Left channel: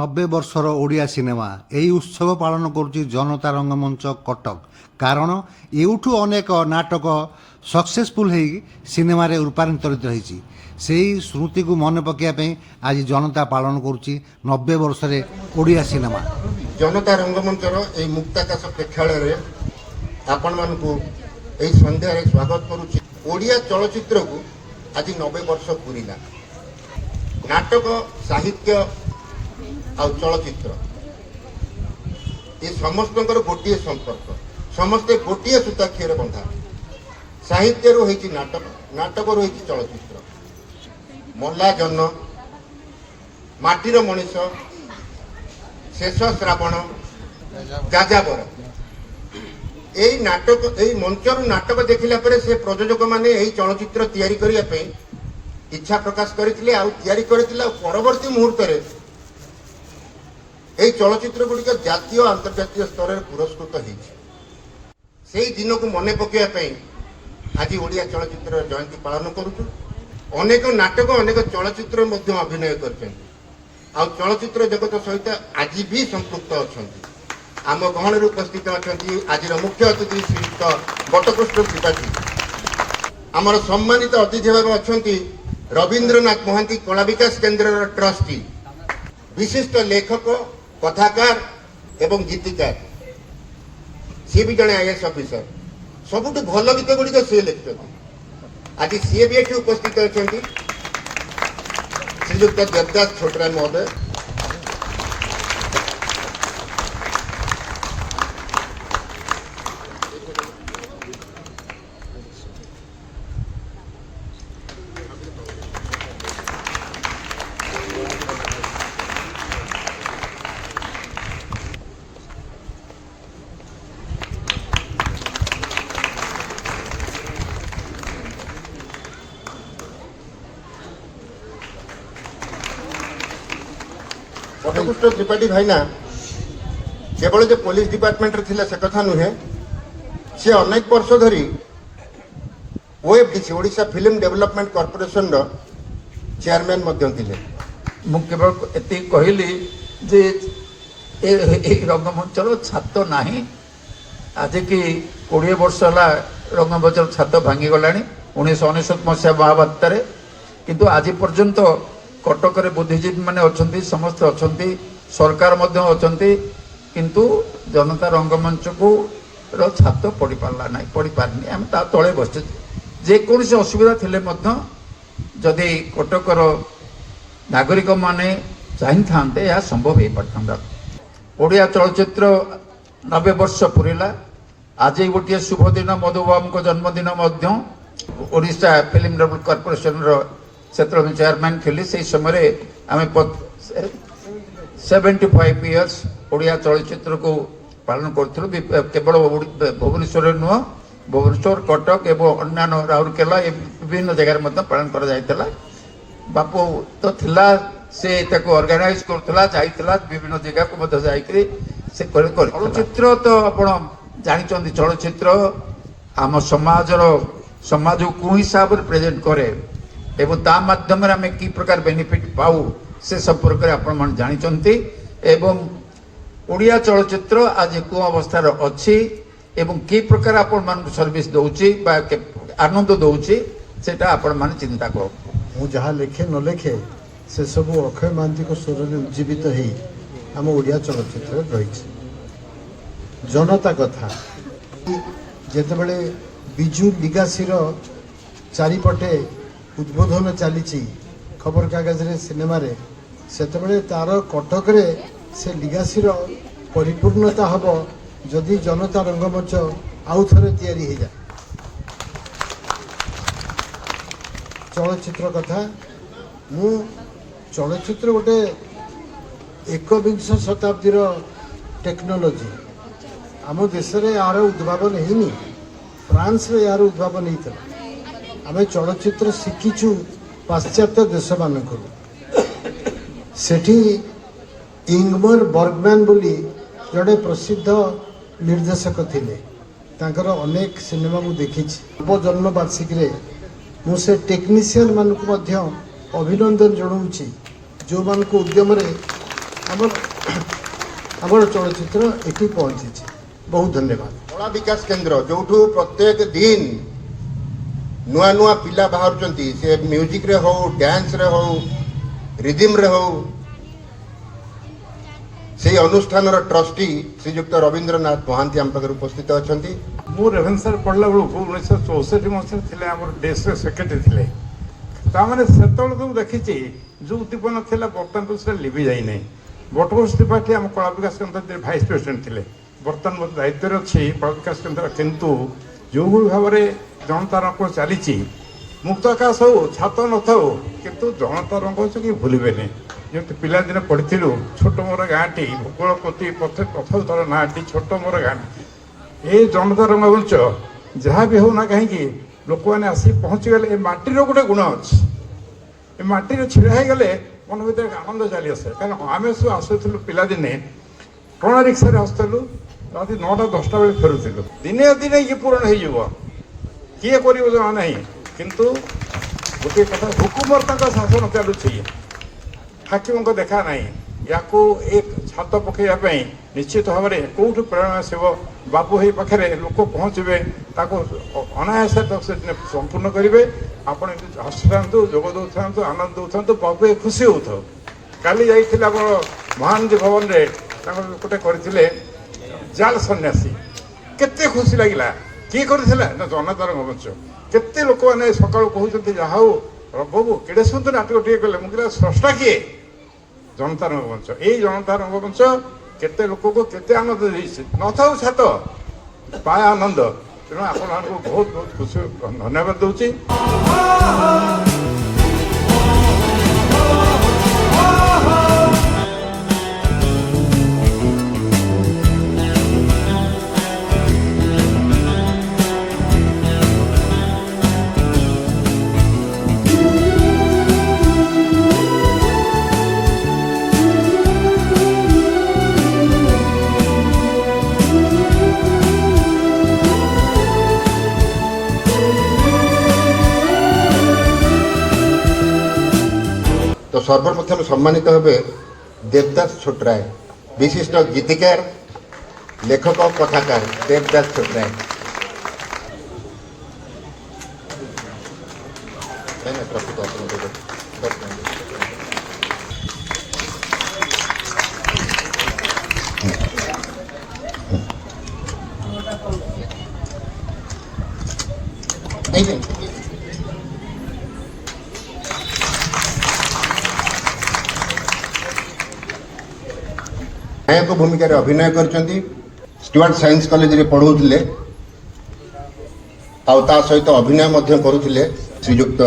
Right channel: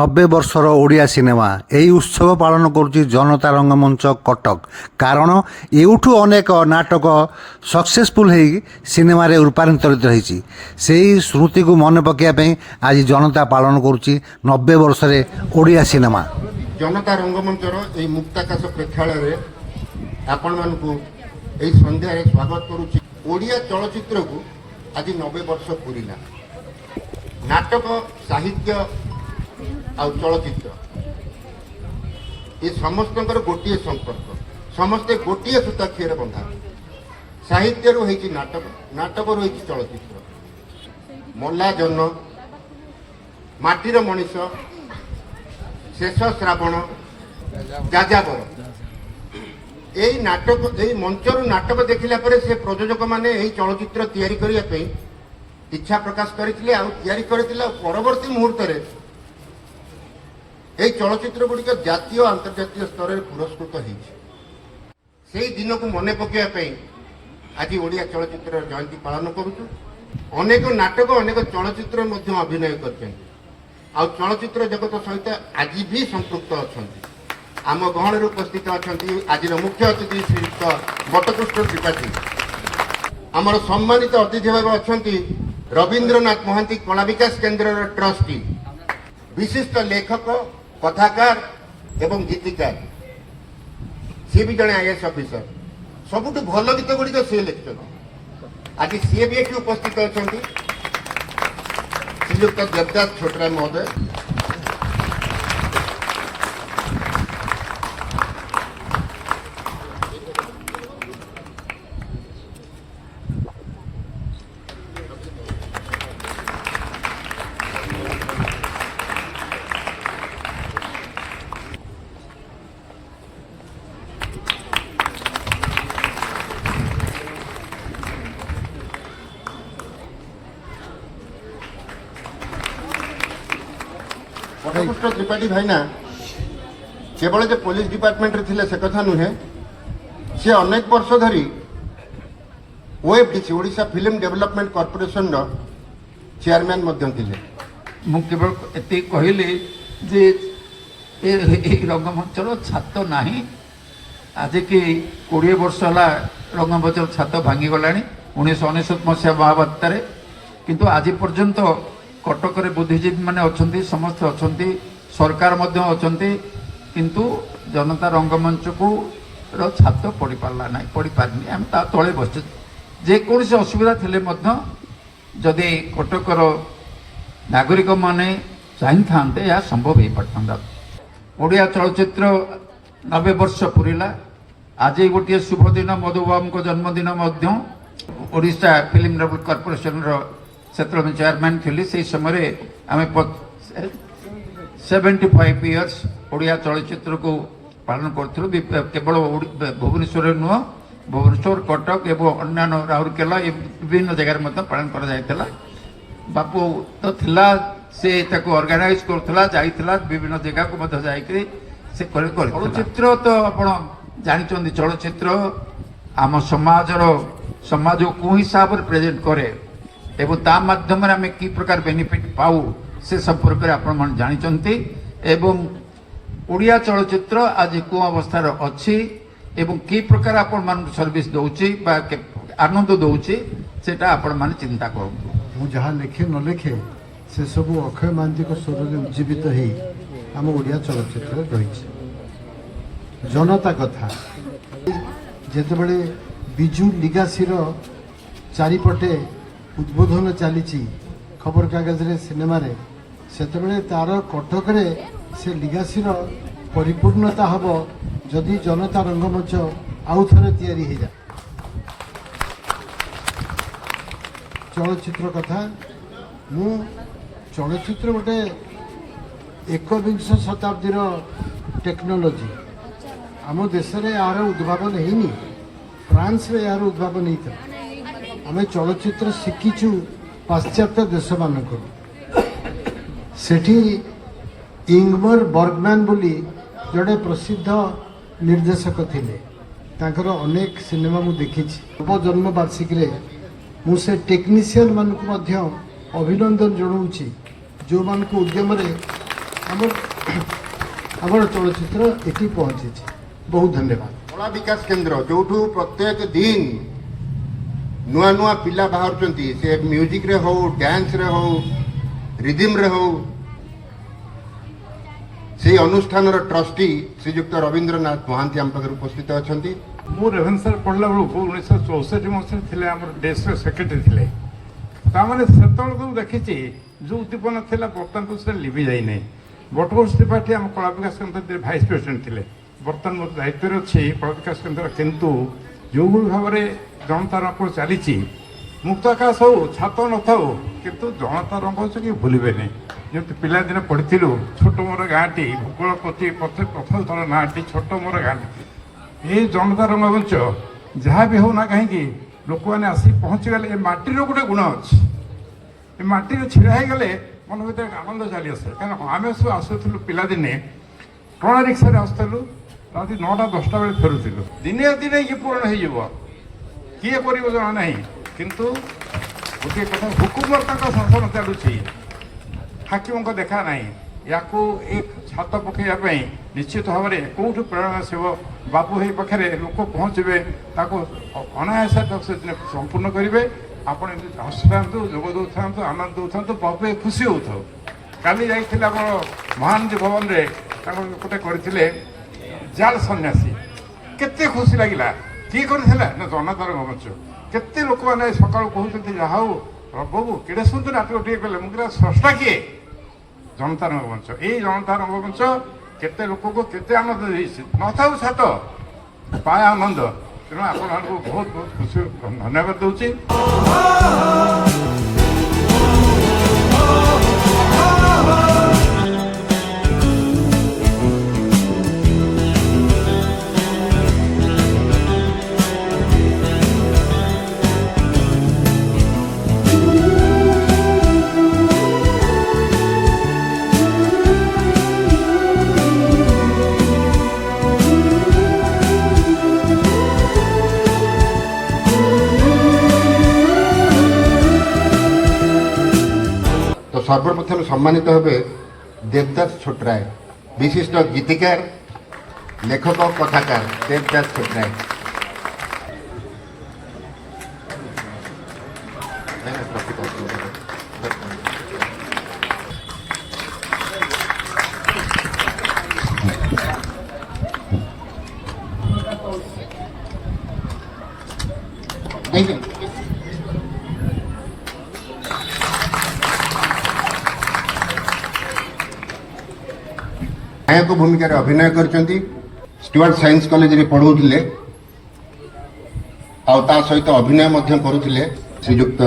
90 ବର୍ଷର ଓଡ଼ିଆ ସିନେମା ଏହି ଉତ୍ସବ ପାଳନ କରୁଛି ଜନତା ରଙ୍ଗମଞ୍ଚ କଟକ। କାରଣ ଏଉଠୁ ଅନେକ ନାଟକ ସକ୍ସେସଫୁଲ୍ ହେଇ ସିନେମାରେ ରୂପାନ୍ତରିତ ହୋଇଛି। ସେହି ସ୍ମୃତିକୁ ମନେ ପକାଇବା ପାଇଁ ଆଜି ଜନତା ପାଳନ କରୁଛି 90 ବର୍ଷରେ ଓଡ଼ିଆ ସିନେମା। ଜନତା ରଙ୍ଗମଞ୍ଚର ଏହି ମୁକ୍ତାକାଶ ପ୍ରେକ୍ଷାଳୟରେ ଆପଣମାନଙ୍କୁ ଏହି ସନ୍ଧ୍ୟାରେ ସ୍ୱାଗତ କରୁଛି। ଓଡ଼ିଆ ଚଳଚ୍ଚିତ୍ରକୁ ଆଜି 90 ବର୍ଷ ପୁରିଲା। ନାଟକ, ସାହିତ୍ୟ ଆଉ ଚଳଚ୍ଚିତ୍ର ଏ ସମସ୍ତଙ୍କର ଗୋଟିଏ ସମ୍ପର୍କ, ସମସ୍ତେ ଗୋଟିଏ ସୂତାକ୍ଷୀରେ ବନ୍ଧା। ସାହିତ୍ୟରୁ ହେଇଛି ନାଟକ, ନାଟକରୁ ହେଇଛି ଚଳଚ୍ଚିତ୍ର। ମଲା ଜହ୍ନ, ମାଟିର ମଣିଷ, ଶେଷ ଶ୍ରାବଣ, ଯାଯାବର, এই নাটক এই মঞ্চରୁ নাটକ ଦେଖିଲା ପରେ ସେ ପ୍ରଯୋଜକ ମାନେ ଏହି ଚଳଚ୍ଚିତ୍ର ତିଆରି କରିବା ପାଇଁ ଇଚ୍ଛା ପ୍ରକାଶ କରିଥିଲେ ଆଉ ତିଆରି କରିଥିଲେ। ଆଉ ପରବର୍ତ୍ତୀ ମୁହୂର୍ତ୍ତରେ এই ଚଳଚ୍ଚିତ୍ର ଗୁଡ଼ିକ ଜାତୀୟ ଓ ଆନ୍ତର୍ଜାତୀୟ ସ୍ତରରେ ପୁରସ୍କୃତ ହେଇଛି। ସେହି ଦିନକୁ ମନେ ପକାଇବା ପାଇଁ ଆଜି ଓଡ଼ିଆ ଚଳଚ୍ଚିତ୍ରର ଜୟନ୍ତୀ ପାଳନ କରୁଛୁ। ଅନେକ ନାଟକ, ଅନେକ ଚଳଚ୍ଚିତ୍ର ମଧ୍ୟ ଅଭିନୟ କରିଛନ୍ତି ଆଉ ଚଳଚ୍ଚିତ୍ର ଜଗତ ସହିତ ଆଜି ବି ସମ୍ପୃକ୍ତ ଅଛନ୍ତି। आम गहन उपस्थित अच्छा आज मुख्य अतिथि श्रीयुक्त बटकृष्ण त्रिपाठी, आमर सम्मानित अतिथि भाव अच्छा रवींद्रनाथ महांती कला विकास केन्द्र ट्रस्टी, विशिष्ट लेखक, कथाकार एवं गीतिकार, सी भी जड़े आईएएस ऑफिसर। सबुठ भल गीत गुड़िक सी लिखते आज सी भी ये उपस्थित अच्छा श्रीयुक्त देवदास छोटराय महोदय। बटकृष्ण त्रिपाठी भाईना केवल जो पुलिस डिपार्टमेंट रे थिले से कथा नुहे, से अनेक वर्ष धरी OFDC Odisha film development corporation रो चेयरमैन मध्यम थिले। मु केवल एति कहली जे ए रंगमंचर छात नाही। आज की 20 वर्ष है रंगमंचर छात भांगी गलानी 1999 मसीहा महाबात्यारे, किंतु आज पर्यंत कटक बुद्धिजीवी मैंने अच्छा, समस्त अच्छा, सरकार किंतु जनता रंगमंच को छात पड़ पारा ना, पड़ पारनी। आम ता तले बस जेकोसी असुविधा थिले जदि कटकर नागरिक माने चाही था यह संभव हो पारता। ओडिया चलचित्र 90 वर्ष पुरिला। आज गोटे शुभ दिन, मधुबाबू जन्मदिन ओडिशा फिल्म डेवलपमेंट कॉर्पोरेशन से चेयरमैन थी। से समय आम 75 इयर्स ओडिया चलचित्र को पालन करूँ। केवल भुवनेश्वर नुह, भुवनेश्वर, कटक एवं अन्य राउरकेला विभिन्न जगह पालन कर बापू तो थिला, से ऑर्गेनाइज करथला, जाइथला विभिन्न जगह को चलचित्र तो आपण जानिचंदी। चलचित्र आम समाज को हिसाब से प्रेजेंट करे एवं ता माध्यम आम कि प्रकार बेनिफिट पाऊ से संपर्क में आपण जानिचंती। एवं ओडिया चलचित्र आज को अवस्था अच्छी एवं कि प्रकार आपण मान सर्विस दउची बा आनंद दउची सेटा आपण मान चिंता करू। मु जहाँ लिखे न लिखे से सब अक्षय महांती को स्वर में उज्जीवित हो आम ओडिया चलचित्र रही। जनता कथा जितेबले बिजु लिगासी चारिपटे उद्बोधन चली खबर कागज रे सिनेमा रे, सेतेबेले तार कटक रे से लिगासी परिपूर्णता हम जदि जनता रंगमंच आउ थे तैयारी हो जाए। चलचित्र कथा मु चलचित्र गोटे 21 शताब्दी टेक्नोलोजी आम देश में यार उद्भावन है, फ्रांस रे यार उद्भावन होता। आम चलचित्र शिखीचु पाश्चात्य देश मानक सेठी इंगमर बर्गमैन बोली जड़े प्रसिद्ध निर्देशक थिले। तांकर अनेक सिनेमा मु देखी। जन्म वार्षिक मुझे टेक्नीशियन मान को अभिनंदन जनाऊँगी जो मान को उद्यम ଆମର ଚଳଚ୍ଚିତ୍ର ଏଠି ପହଞ୍ଚିଛି। ବହୁତ ଧନ୍ୟବାଦ। କଳା ବିକାଶ କେନ୍ଦ୍ର ଯୋଉଠୁ ପ୍ରତ୍ୟେକ ଦିନ ନୂଆ ନୂଆ ପିଲା ବାହାରୁଛନ୍ତି, ସେ ମ୍ୟୁଜିକରେ ହଉ, ଡ୍ୟାନ୍ସରେ ହଉ, ରିଦିମରେ ହଉ, ସେହି ଅନୁଷ୍ଠାନର ଟ୍ରଷ୍ଟି ଶ୍ରୀଯୁକ୍ତ ରବୀନ୍ଦ୍ରନାଥ ମହାନ୍ତି ଆମ ପାଖରେ ଉପସ୍ଥିତ ଅଛନ୍ତି। ମୁଁ ରେଭେନ୍ସାରେ ପଢ଼ିଲା ବେଳକୁ 1964 ମସିହାରେ ଥିଲେ ଆମର ଡେସ୍କ ସେକ୍ରେଟାରୀ ଥିଲେ। ତାମାନେ ସେତେବେଳକୁ ମୁଁ ଦେଖିଛି ଯେଉଁ ଉଦ୍ଦୀପନା ଥିଲା ବର୍ତ୍ତମାନକୁ ସେଟା ଲିଭି ଯାଇନାହିଁ। ବଟଘୋଷ ତ୍ରିପାଠୀ ଆମ କଳା ବିକାଶ କେନ୍ଦ୍ର ଭାଇସ୍ ପ୍ରେସିଡେଣ୍ଟ ଥିଲେ। ବର୍ତ୍ତମାନ ମୋର ଦାୟିତ୍ୱରେ ଅଛି କଳା ବିକାଶ କେନ୍ଦ୍ର। କିନ୍ତୁ ଯେଉଁଭଳି ଭାବରେ ଜନତା ରଙ୍ଗ ଚାଲିଛି, ମୁକ୍ତ ଆକାଶ ହଉ, ଛାତ ନଥାଉ, କିନ୍ତୁ ଜନତା ରଙ୍ଗ ହଉଛି କି ଭୁଲିବେନି। ଯେମିତି ପିଲାଦିନେ ପଢ଼ିଥିଲୁ ଛୋଟ ମୋର ଗାଁଟି, ଭୂଗୋଳ ପ୍ରତି ପଥର ନାଁଟି ଛୋଟ ମୋର ଗାଁଟି। এই ଜନତା ରଙ୍ଗମଞ୍ଚ ଯାହା ବି ହେଉନା କାହିଁକି ଲୋକମାନେ ଆସି ପହଞ୍ଚିଗଲେ। ଏ ମାଟିର ଗୋଟେ ଗୁଣ ଅଛି, ଏ ମାଟିରେ ଛିଡ଼ା ହେଇଗଲେ ମନ ଭିତରେ ଆନନ୍ଦ ଚାଲି ଆସେ। କାରଣ ଆମେ ସବୁ ଆସୁଥିଲୁ ପିଲାଦିନେ ଟଣା ରିକ୍ସାରେ ଆସୁଥିଲୁ, ରାତି 9ଟା 10ଟା ବେଳେ ଫେରୁଥିଲୁ। ଦିନେ ଦିନେ ଇଏ ପୂରଣ ହେଇଯିବ, କିଏ କରିବ ଜଣା ନାହିଁ। କିନ୍ତୁ ଗୋଟିଏ କଥା, ହୁକୁମର ତାଙ୍କ ଶାସନ ଚାଲୁଛି, ହାକିମଙ୍କ ଦେଖା ନାହିଁ। ୟାକୁ ଏ ଛାତ ପକାଇବା ପାଇଁ ନିଶ୍ଚିତ ଭାବରେ କେଉଁଠୁ ପ୍ରେରଣା ଆସିବ? ବାବୁ ଏଇ ପାଖରେ ଲୋକ ପହଞ୍ଚିବେ, ତାକୁ ଅନାୟାସରେ ସେ ସମ୍ପୂର୍ଣ୍ଣ କରିବେ। ଆପଣ ହସୁଥାନ୍ତୁ, ଯୋଗ ଦେଉଥାନ୍ତୁ, ଆନନ୍ଦ ଦେଉଥାନ୍ତୁ, ବାବୁ ଏ ଖୁସି ହେଉଥାଉ। କାଲି ଯାଇଥିଲେ ଆମର ମହାନଦୀ ଭବନରେ ତାଙ୍କର ଗୋଟେ କରିଥିଲେ ଜାଲ ସନ୍ନ୍ୟାସୀ, କେତେ ଖୁସି ଲାଗିଲା। କିଏ କରିଥିଲା ନା ଜନତା ରଙ୍ଗମଞ୍ଚ। କେତେ ଲୋକମାନେ ସକାଳୁ କହୁଛନ୍ତି ଯାହା ହଉ ବାବୁ କେଡ଼େ ସୁନ୍ଦର ନାଟକ ଟିକେ କଲେ। ମୁଁ କହିଲା ସ୍ରଷ୍ଟା କିଏ? ଜନତା ରଙ୍ଗମଞ୍ଚ। এই ଜନତା ରଙ୍ଗମଞ୍ଚ କେତେ ଲୋକକୁ କେତେ ଆନନ୍ଦ ଦେଇଛି। ନଥାଉ ଛାତ ପାଏ ଆନନ୍ଦ। ତେଣୁ ଆପଣମାନଙ୍କୁ ବହୁତ ବହୁତ ଖୁସି ଧନ୍ୟବାଦ ଦେଉଛି। তো সর্বপ্রথম সম্মানিত হবে দেবদাস ছোটরায়, বিশিষ্ট গীতিকার, লেখক ও কথাকার দেবদাস ছোটরায়। ନାୟକ ଭୂମିକାରେ ଅଭିନୟ କରିଛନ୍ତି। ଷ୍ଟୁଆର୍ଟ ସାଇନ୍ସ କଲେଜରେ ପଢ଼ୁଥିଲେ, ଆଉ ତା ସହିତ ଅଭିନୟ ମଧ୍ୟ କରୁଥିଲେ ଶ୍ରୀଯୁକ୍ତ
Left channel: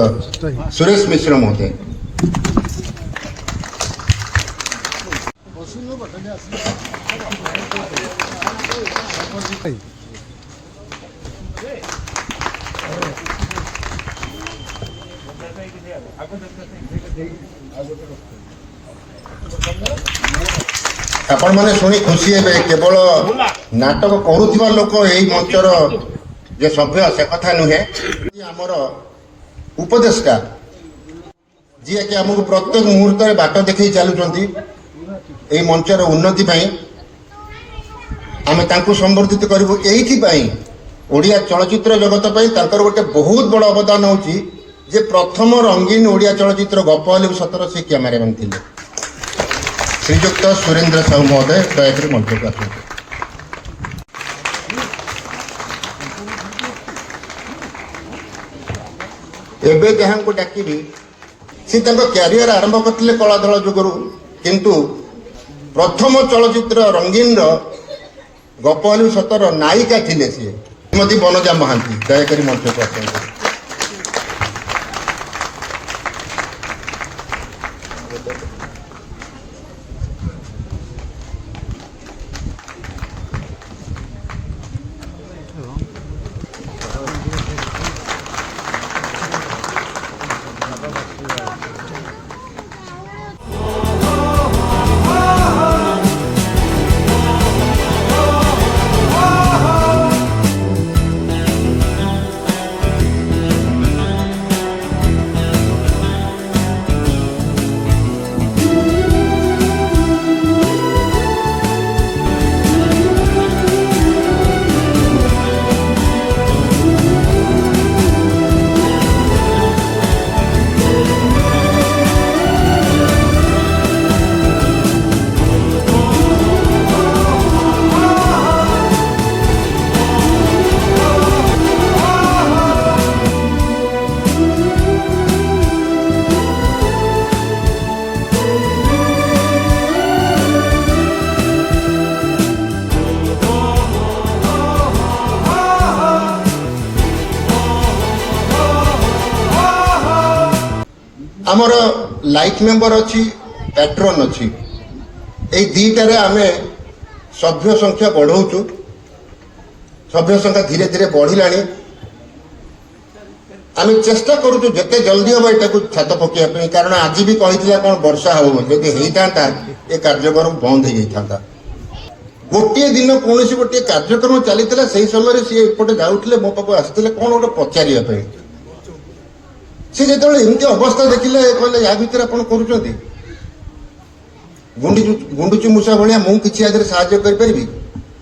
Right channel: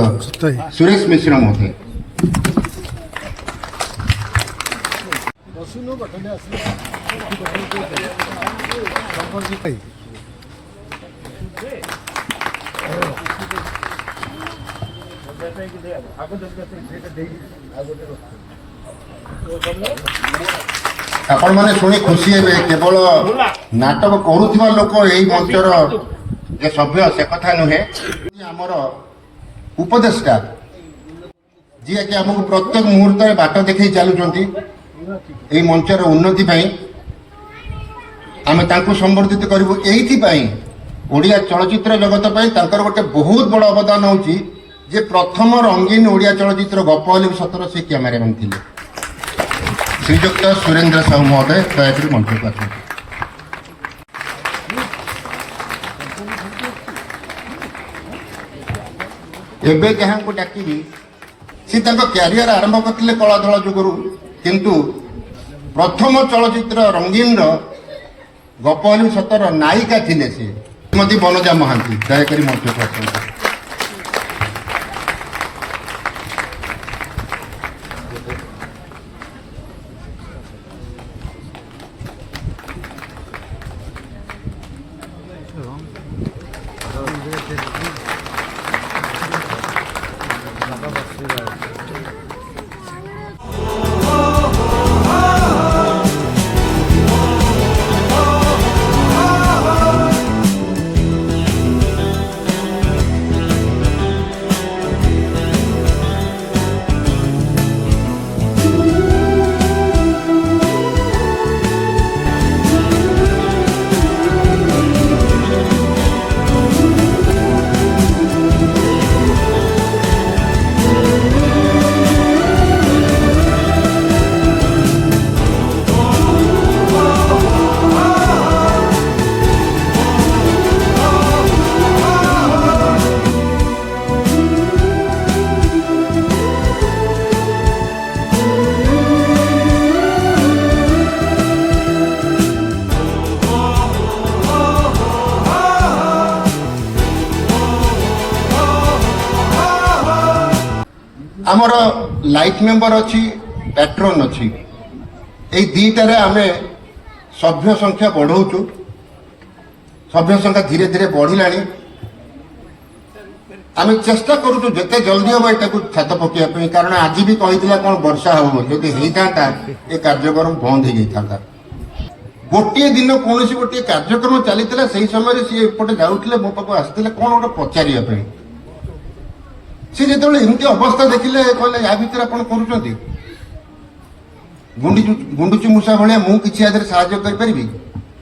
ସୁରେଶ ମିଶ୍ର ମହୋଦୟ। ଆପଣମାନେ ଶୁଣି ଖୁସି ହେବେ, କେବଳ ନାଟକ କରୁଥିବା ଲୋକ ଏଇ ମଞ୍ଚର ଯେ ସଭ୍ୟ ସେ କଥା ନୁହେଁ। ଆମର ଉପଦେଷ୍ଟା ଯିଏକି ଆମକୁ ପ୍ରତ୍ୟେକ ମୁହୂର୍ତ୍ତରେ ବାଟ ଦେଖେଇ ଚାଲୁଛନ୍ତି ଏଇ ମଞ୍ଚର ଉନ୍ନତି ପାଇଁ, ଆମେ ତାଙ୍କୁ ସମ୍ବର୍ଦ୍ଧିତ କରିବୁ। ଏଇଥିପାଇଁ ଓଡ଼ିଆ ଚଳଚ୍ଚିତ୍ର ଜଗତ ପାଇଁ ତାଙ୍କର ଗୋଟେ ବହୁତ ବଡ଼ ଅବଦାନ ହେଉଛି ଯେ ପ୍ରଥମ ରଙ୍ଗୀନ ଓଡ଼ିଆ ଚଳଚ୍ଚିତ୍ର ଗପ ହେଲେ ବି ସତର ସେ କ୍ୟାମେରାମ୍ୟାନ୍ ଥିଲେ ଶ୍ରୀଯୁକ୍ତ ସୁରେନ୍ଦ୍ର ସାହୁ ମହୋଦୟ। ଦୟାକରି ମଞ୍ଚକୁ ଆସନ୍ତୁ। ଏବେ ଯାହାଙ୍କୁ ଡାକିବି ସେ ତାଙ୍କ କ୍ୟାରିୟର ଆରମ୍ଭ କରିଥିଲେ କଳାଧଳ ଯୁଗରୁ, କିନ୍ତୁ ପ୍ରଥମ ଚଳଚ୍ଚିତ୍ର ରଙ୍ଗୀନର ଗପ ହେଲେ ସତର ନାୟିକା ଥିଲେ ସିଏ ଶ୍ରୀମତୀ ବନଜା ମହାନ୍ତି। ଦୟାକରି ମଞ୍ଚକୁ ଆସନ୍ତୁ। आमर लाइफ मेंबर अच्छी पैट्रन अच्छी यही दुईटारे आम सभ्य संख्या बढ़ाऊँ सभ्य संख्या धीरे धीरे बढ़ला आम चेष्टा करूँ जिते जल्दी हम यहाँ छात पकड़ कारण आज भी कही कौन वर्षा हो जब होता ये कार्यक्रम बंद हो जाता गोटे दिन कौन गोटे कार्यक्रम चली से समय सी एपटे जाऊे मो पाक आसते कौन गोटे पचारे सी जो एमती अवस्था देखिले कहले या भितर आप कर गुंडुचु मूषा भाया मुझे आदि साहय करी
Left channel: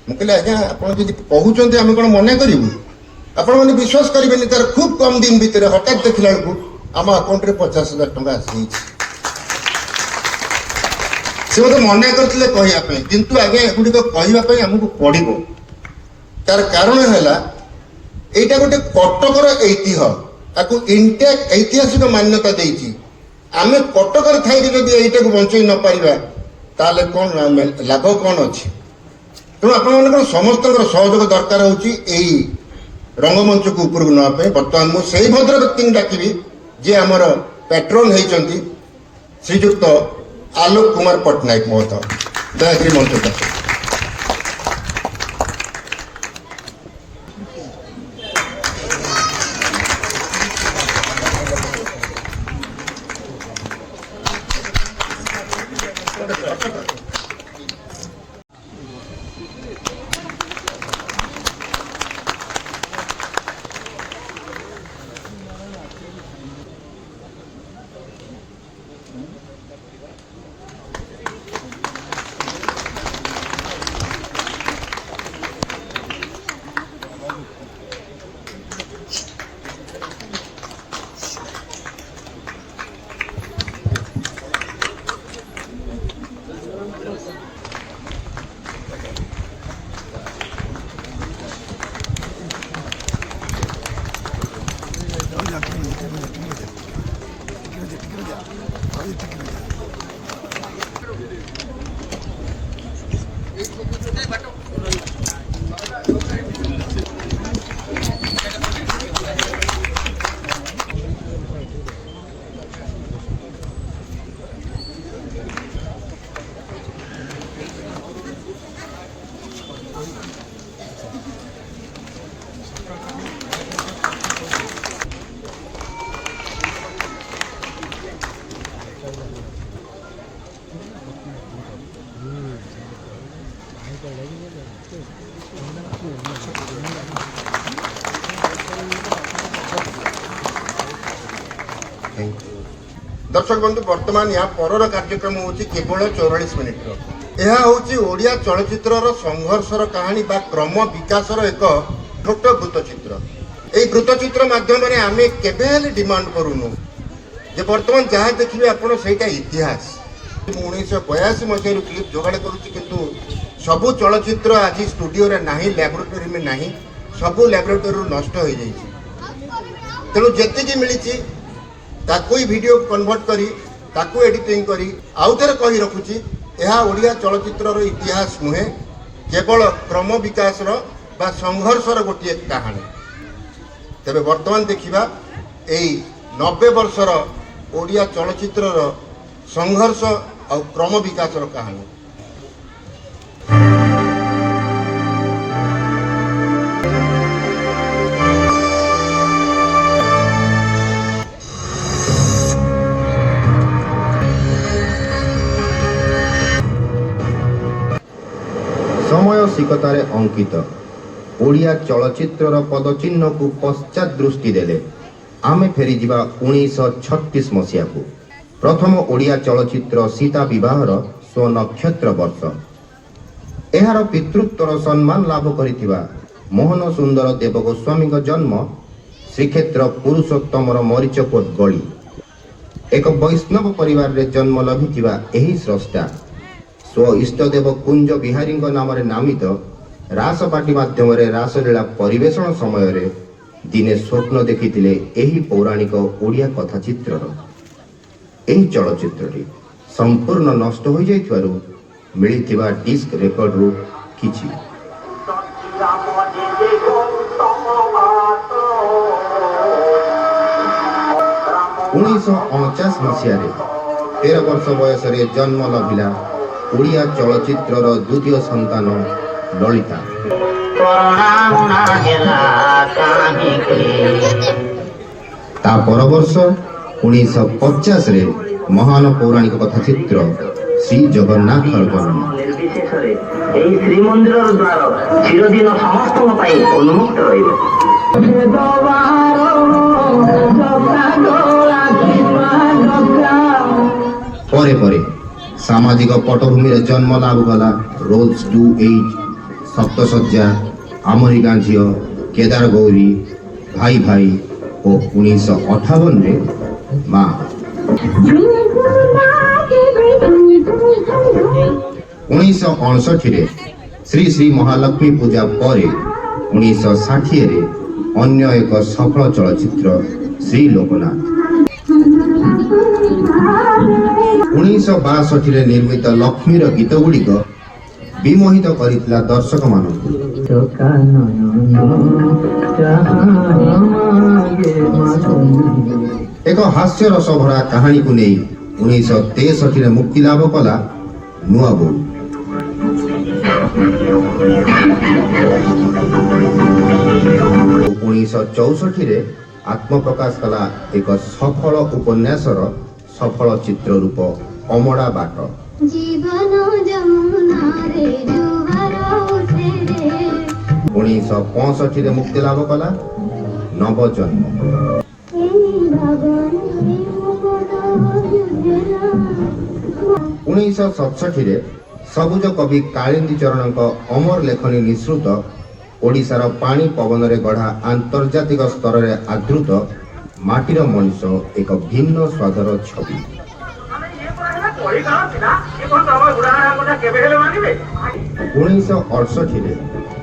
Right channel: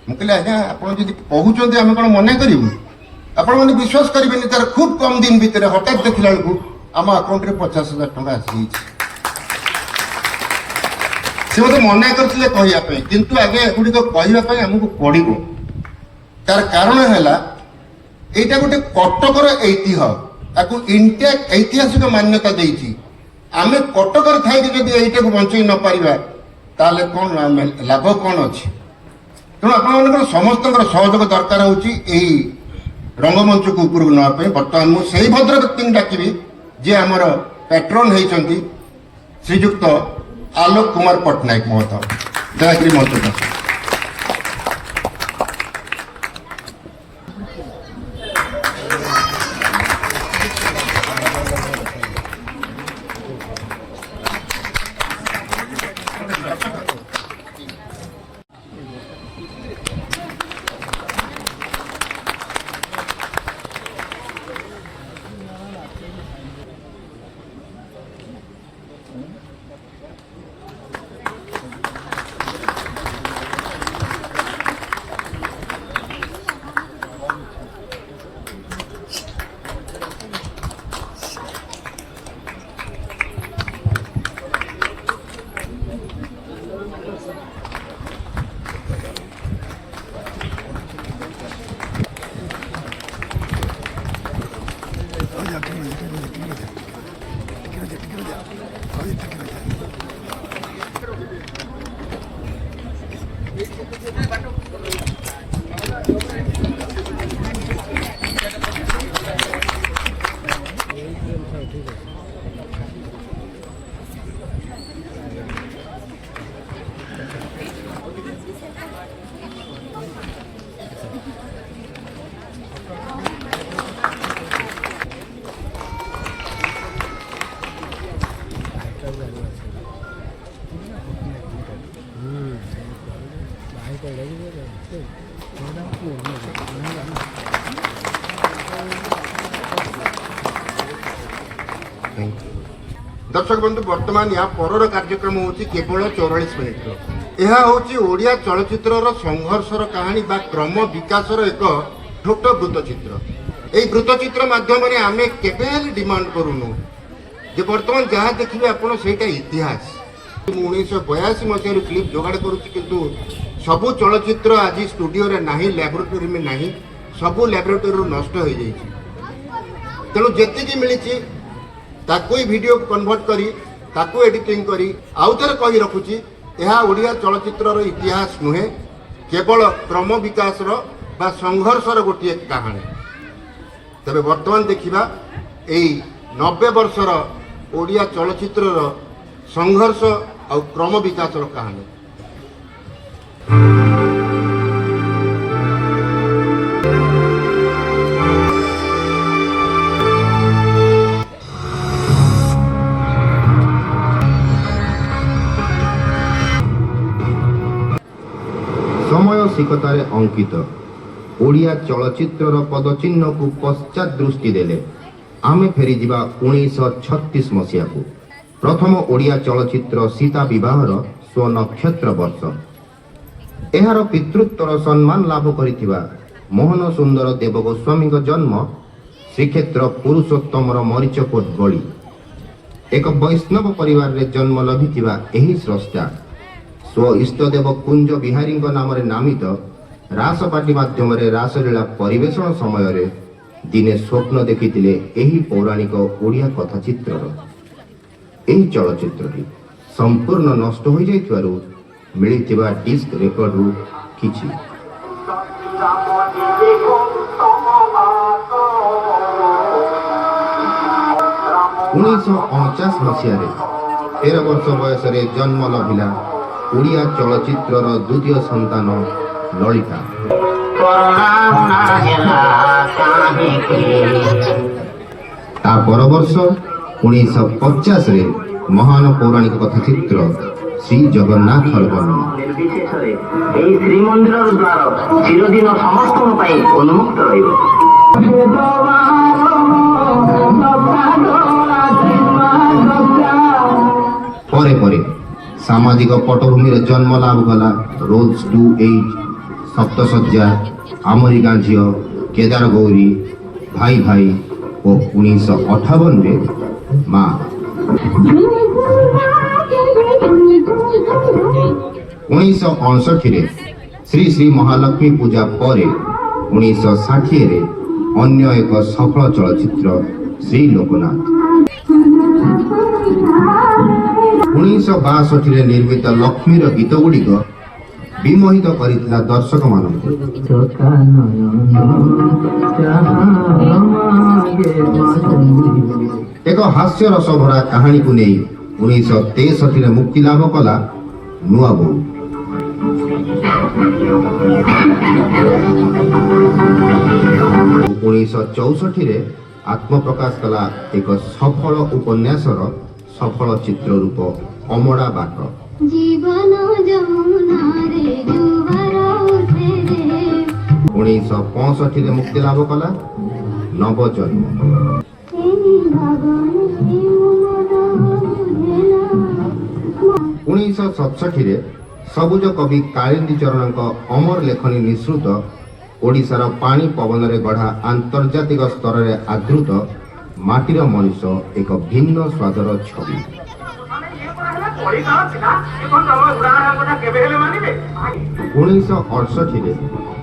मुझे आज्ञा आप कहते आम कौन मना करूँ आपण मैंने विश्वास करेंगे तार खूब कम दिन भितर हठात देखला बेलू आम अकाउंट में 50,000 टका आसी से मत मना करते कहवाई किंतु आगे एगुड़िक कहवाई आमको पड़ो तार कारण है यहाँ गोटे कटकर ऐतिह्य ताकू इंटैक्ट ऐतिहासिक मान्यता देती आम कटकर थी जब यहीटा को बंचई न पारिबा ताले कौन लाभ कौन अच्छी तेणु आप समस्त सहयोग दरकार होची रंगमंच को ऊपर नापे बर्तमान मुझे भद्र व्यक्ति डाकि जी आमर पैट्रन होती श्रीजुक्त आलोक कुमार पट्टनायक महोदय दयागिरी मंच दर्शक बंधु वर्तमान यहाँ पर कार्यक्रम होची केवल 44 मिनिट यह होची ओडिया चलचित्र संघर्षर कहानी बा क्रम विकासर एक छोट वृत्तचित्र यही वृत्तचित्र माध्यम आम केवे डिमांड करूनु जे वर्तमान जहाँ देखिए आपड़ से इतिहास 1982 मसीह क्लिप जोगाड़ करूँ सबू चलचित्र आज स्टूडियो रे नाही लैबोरेटरी में नाही सबू लैबोरेटरी नष्ट हो जाइए तेणु जी मिली ताकू वीडियो कन्वर्ट करी ताकू एडिटिंग करी आउ थे कही रखुची यह ओडिया चलचित्र इतिहास नुहे केवल क्रम विकास बा संघर्षर गोटे कहानी तेरे वर्तमान देखा यही 90 वर्षर ओडिया चलचित्र संघर्ष और क्रम विकास कहानी समय सिकतार अंकित ओडिया चलचित्र पदचिन्ह को पश्चात दृष्टि देले आमे फेरी दिबा 1936 मसीहा को प्रथम ओडिया चलचित्र सीता विवाहर स्व नक्षत्र वर्ष एहार पितृत्वर सम्मान लाभ करिथिबा मोहन सुंदर देव गोस्वामी जन्म श्रीक्षेत्र पुरुषोत्तमर मरीचकोट बड़ी एक वैष्णव परिवार रे जन्म लभिथिबा एही स्रष्टा स्व इष्टदेव कुंज बिहारी नाम नामित रासपाटी माध्यम रासलीला परिवेषण समय दिने स्वप्न देखिथिले एही पौराणिक ओडिया कथाचित्र एही चलचित्रटी संपूर्ण नष्ट हो जाइथिबारु मिलिथिबा डिस्क रेकर्ड रु किछि राम 1949 ମସିହାରେ 13 ବର୍ଷ ବୟସରେ ଜନ୍ମ ଲଭିଲା ଓଡ଼ିଆ ଚଳଚ୍ଚିତ୍ରର ଦ୍ୱିତୀୟ ସନ୍ତାନ ଲଳିତା। ତା ପର ବର୍ଷ 1950ରେ ମହାନ ପୌରାଣିକ କଥାଚିତ୍ର ଶ୍ରୀ ଜଗନ୍ନାଥର ଜନ୍ମ। ନିର୍ବିଶେଷରେ ଏହି ଶ୍ରୀମନ୍ଦିରର ଦ୍ୱାର ଚିରଦିନ ସମସ୍ତଙ୍କ ପାଇଁ ଉନ୍ମୁକ୍ତ ରହିବ। ପରେ ପରେ ସାମାଜିକ ପଟଭୂମିରେ ଜନ୍ମ ଲାଭ କଲା ରୋଜ୍ ଟୁ 8, ସପ୍ତଶଯ୍ୟା, ଆମରି ଗାଁ ଝିଅ, କେଦାର ଗୌରୀ, ଭାଇ ଭାଇ ଓ 1958ରେ ମା। 1959ରେ ଶ୍ରୀ ଶ୍ରୀ ମହାଲକ୍ଷ୍ମୀ ପୂଜା ପରେ 1960ରେ ଅନ୍ୟ ଏକ ସଫଳ ଚଳଚ୍ଚିତ୍ର ଶ୍ରୀ ଲୋକନାଥ। 1962ରେ ନିର୍ମିତ ଲକ୍ଷ୍ମୀର ଗୀତ ଗୁଡ଼ିକ ବିମୋହିତ କରିଥିଲା ଦର୍ଶକମାନଙ୍କୁ। ଏକ ହାସ୍ୟରସ ଭରା କାହାଣୀକୁ ନେଇ 1963ରେ ମୁକ୍ତିଲାଭ କଲା ନୂଆ ବୋଉ। 1964ରେ ଆତ୍ମପ୍ରକାଶ କଲା ଏକ ସଫଳ ଉପନ୍ୟାସର ସଫଳ ଚିତ୍ର ରୂପ ଅମଡ଼ା ବାଟ। 1965ରେ ମୁକ୍ତିଲାଭ କଲା ନବଜନ୍ମ। 1967ରେ ସବୁଜ କବି କାଳିନ୍ଦୀ ଚରଣଙ୍କ ଅମର ଲେଖନୀ ନିଃସୃତ ଓଡ଼ିଶାର ପାଣି ପବନରେ ଗଢ଼ା ଆନ୍ତର୍ଜାତିକ ସ୍ତରରେ ଆଦୃତ ମାଟିର ମଣିଷ ଏକ ଭିନ୍ନ ସ୍ୱାଦର ଛବି। 1968ରେ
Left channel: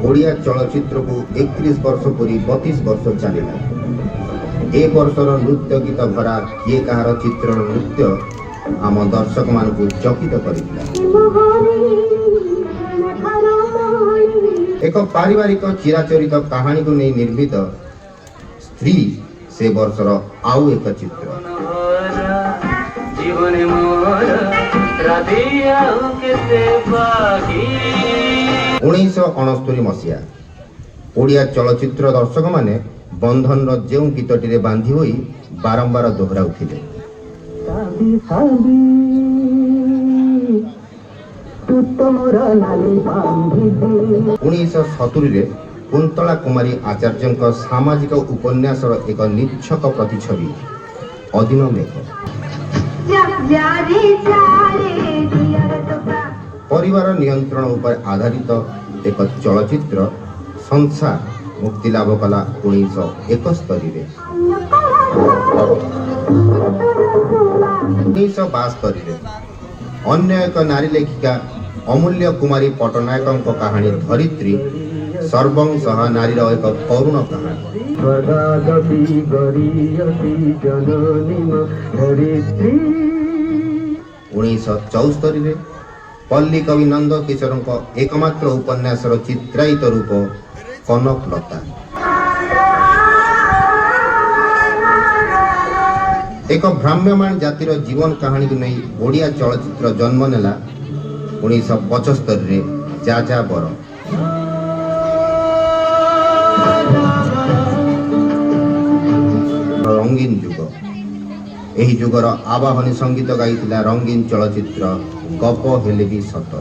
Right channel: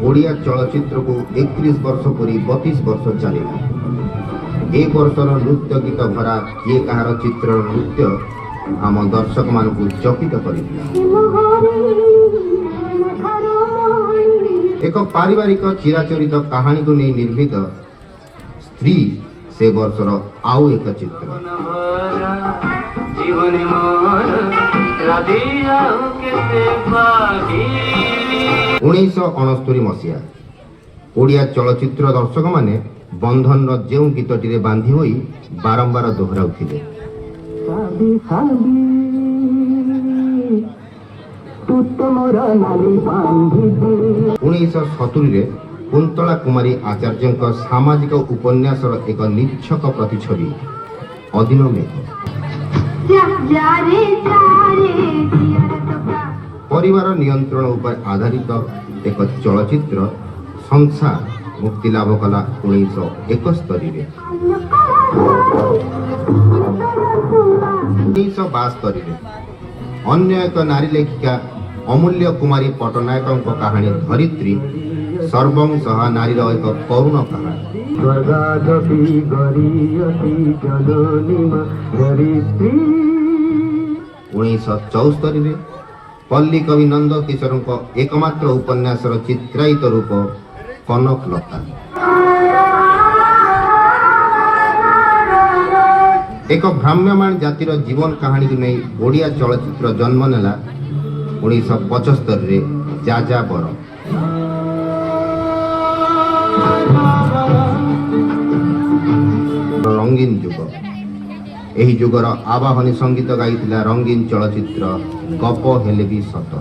ଓଡ଼ିଆ ଚଳଚ୍ଚିତ୍ରକୁ 31 ବର୍ଷ ପୁରି 32 ବର୍ଷ ଚାଲିଲା। ଏ ବର୍ଷର ନୃତ୍ୟ ଗୀତ ଭରା କିଏ କାହାର ଚିତ୍ରର ନୃତ୍ୟ ଆମ ଦର୍ଶକମାନଙ୍କୁ ଚକିତ କରିଥିଲା। ଏକ ପାରିବାରିକ ଚିରାଚରିତ କାହାଣୀକୁ ନେଇ ନିର୍ମିତ ସ୍ତ୍ରୀ ସେ ବର୍ଷର ଆଉ ଏକ ଚିତ୍ର। 1969 ମସିହା ଓଡ଼ିଆ ଚଳଚ୍ଚିତ୍ର ଦର୍ଶକମାନେ ବନ୍ଧନର ଯେଉଁ ଗୀତଟିରେ ବାନ୍ଧି ହୋଇ ବାରମ୍ବାର ଦୋହରାଉଥିଲେ। 1970ରେ କୁନ୍ତଳା କୁମାରୀ ଆଚାର୍ଯ୍ୟଙ୍କ ସାମାଜିକ ଉପନ୍ୟାସର ଏକ ନିଚ୍ଛକ ପ୍ରତିଛବି ଅଦିନ ମେଘ। ପରିବାର ନିୟନ୍ତ୍ରଣ ଉପରେ ଆଧାରିତ ଏକ ଚଳଚ୍ଚିତ୍ର ସଂସାର ମୁକ୍ତିଲାଭ କଲା 1971ରେ। 1972ରେ ଅନ୍ୟ ଏକ ନାରୀ ଲେଖିକା ଅମୂଲ୍ୟ କୁମାରୀ ପଟ୍ଟନାୟକଙ୍କ କାହାଣୀ ଧରିତ୍ରୀ ସର୍ବଂ ସହା ନାରୀର ଏକ କରୁଣ କାହାଣୀ। 1974ରେ ପଲ୍ଲୀ କବି ନନ୍ଦ କିଶୋରଙ୍କ ଏକମାତ୍ର ଉପନ୍ୟାସର ଚିତ୍ରାୟିତ ରୂପ କନକଲତା। ଏକ ଭ୍ରାମ୍ୟମାଣ ଜାତିର ଜୀବନ କାହାଣୀକୁ ନେଇ ଓଡ଼ିଆ ଚଳଚ୍ଚିତ୍ର ଜନ୍ମ ନେଲା 1975ରେ ଯାଯାବର। ରଙ୍ଗୀନ ଯୁଗ। ଏହି ଯୁଗର ଆବାହନୀ ସଙ୍ଗୀତ ଗାଇଥିଲା ରଙ୍ଗୀନ ଚଳଚ୍ଚିତ୍ର ଗପ ହେଲେ ବି ସତ।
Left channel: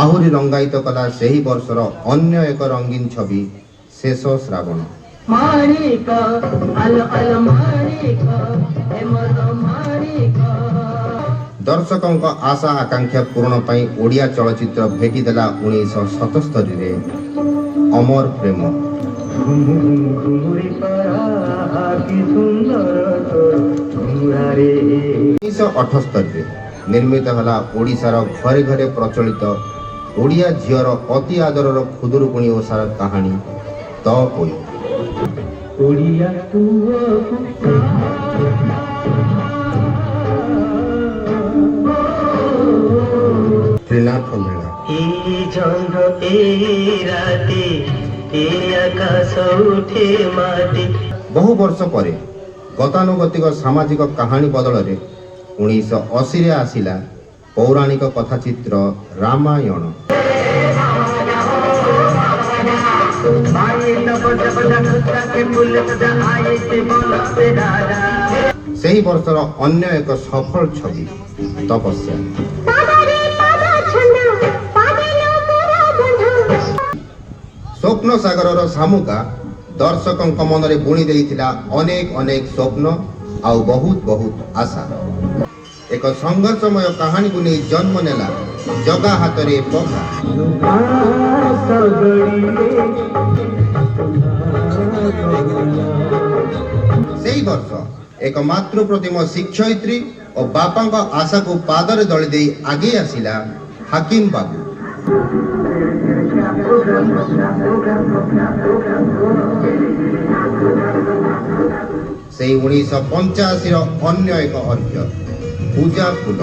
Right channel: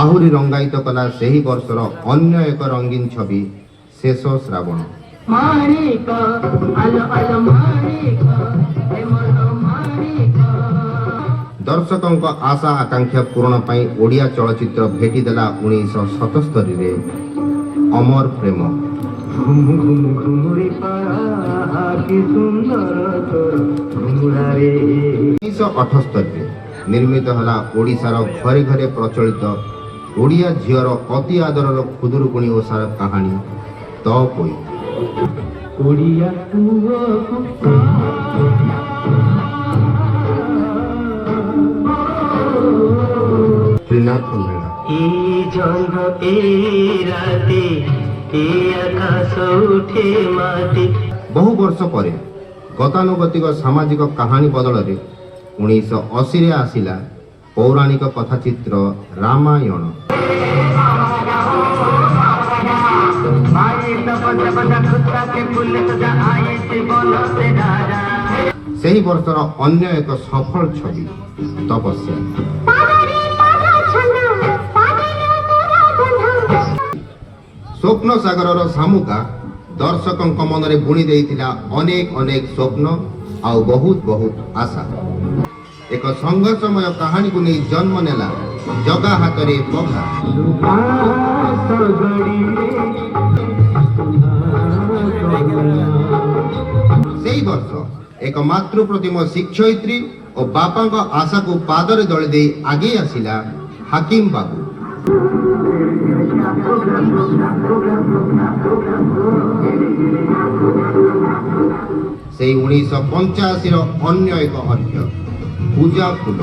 ଆହୁରି ରଙ୍ଗାୟିତ କଲା ସେହି ବର୍ଷର ଅନ୍ୟ ଏକ ରଙ୍ଗୀନ ଛବି ଶେଷ ଶ୍ରାବଣ। ଦର୍ଶକଙ୍କ ଆଶା ଆକାଂକ୍ଷା ପୂରଣ ପାଇଁ ଓଡ଼ିଆ ଚଳଚ୍ଚିତ୍ର ଭେଟିଦେଲା 1977ରେ ଅମର ପ୍ରେମ। 1978ରେ ନିର୍ମିତ ହେଲା ଓଡ଼ିଶାର ଘରେ ଘରେ ପ୍ରଚଳିତ ଓଡ଼ିଆ ଝିଅର ଅତି ଆଦରର ଖୁଦୁରୁକୁଣୀ ଓଷାର କାହାଣୀ ତ ପୋଇ। ତ୍ରିନାଥ ମେଳା। ବହୁ ବର୍ଷ ପରେ ଗତାନୁଗତିକ ସାମାଜିକ କାହାଣୀ ବଦଳରେ 1980ରେ ଆସିଲା ପୌରାଣିକ କଥାଚିତ୍ର ରାମାୟଣ। ସେହି ବର୍ଷର ଅନ୍ୟ ଏକ ସଫଳ ଛବି ତପସ୍ୟା। ସ୍ୱପ୍ନ ସାଗରର ଶାମୁକା ଦର୍ଶକଙ୍କ ମନରେ ବୁଣି ଦେଇଥିଲା ଅନେକ ଅନେକ ସ୍ୱପ୍ନ ଆଉ ବହୁତ ବହୁତ ଆଶା। ଏକ ସଂଘର୍ଷମୟ କାହାଣୀକୁ ନେଇ ଜନ୍ମ ନେଲା ଜଗା ହାତରେ ପଘା। ସେହି ବର୍ଷ ଏକ ମାତୃ ପ୍ରତିମ ଶିକ୍ଷୟିତ୍ରୀ ଓ ବାପାଙ୍କ ଆଶାକୁ ପାଦରେ ଦଳି ଦେଇ ଆଗେଇ ଆସିଲା ହାକିମ ବାବୁ। ସେଇ 1985ର ଅନ୍ୟ ଏକ ଅର୍ଘ୍ୟ ପୂଜା ଫୁଲ।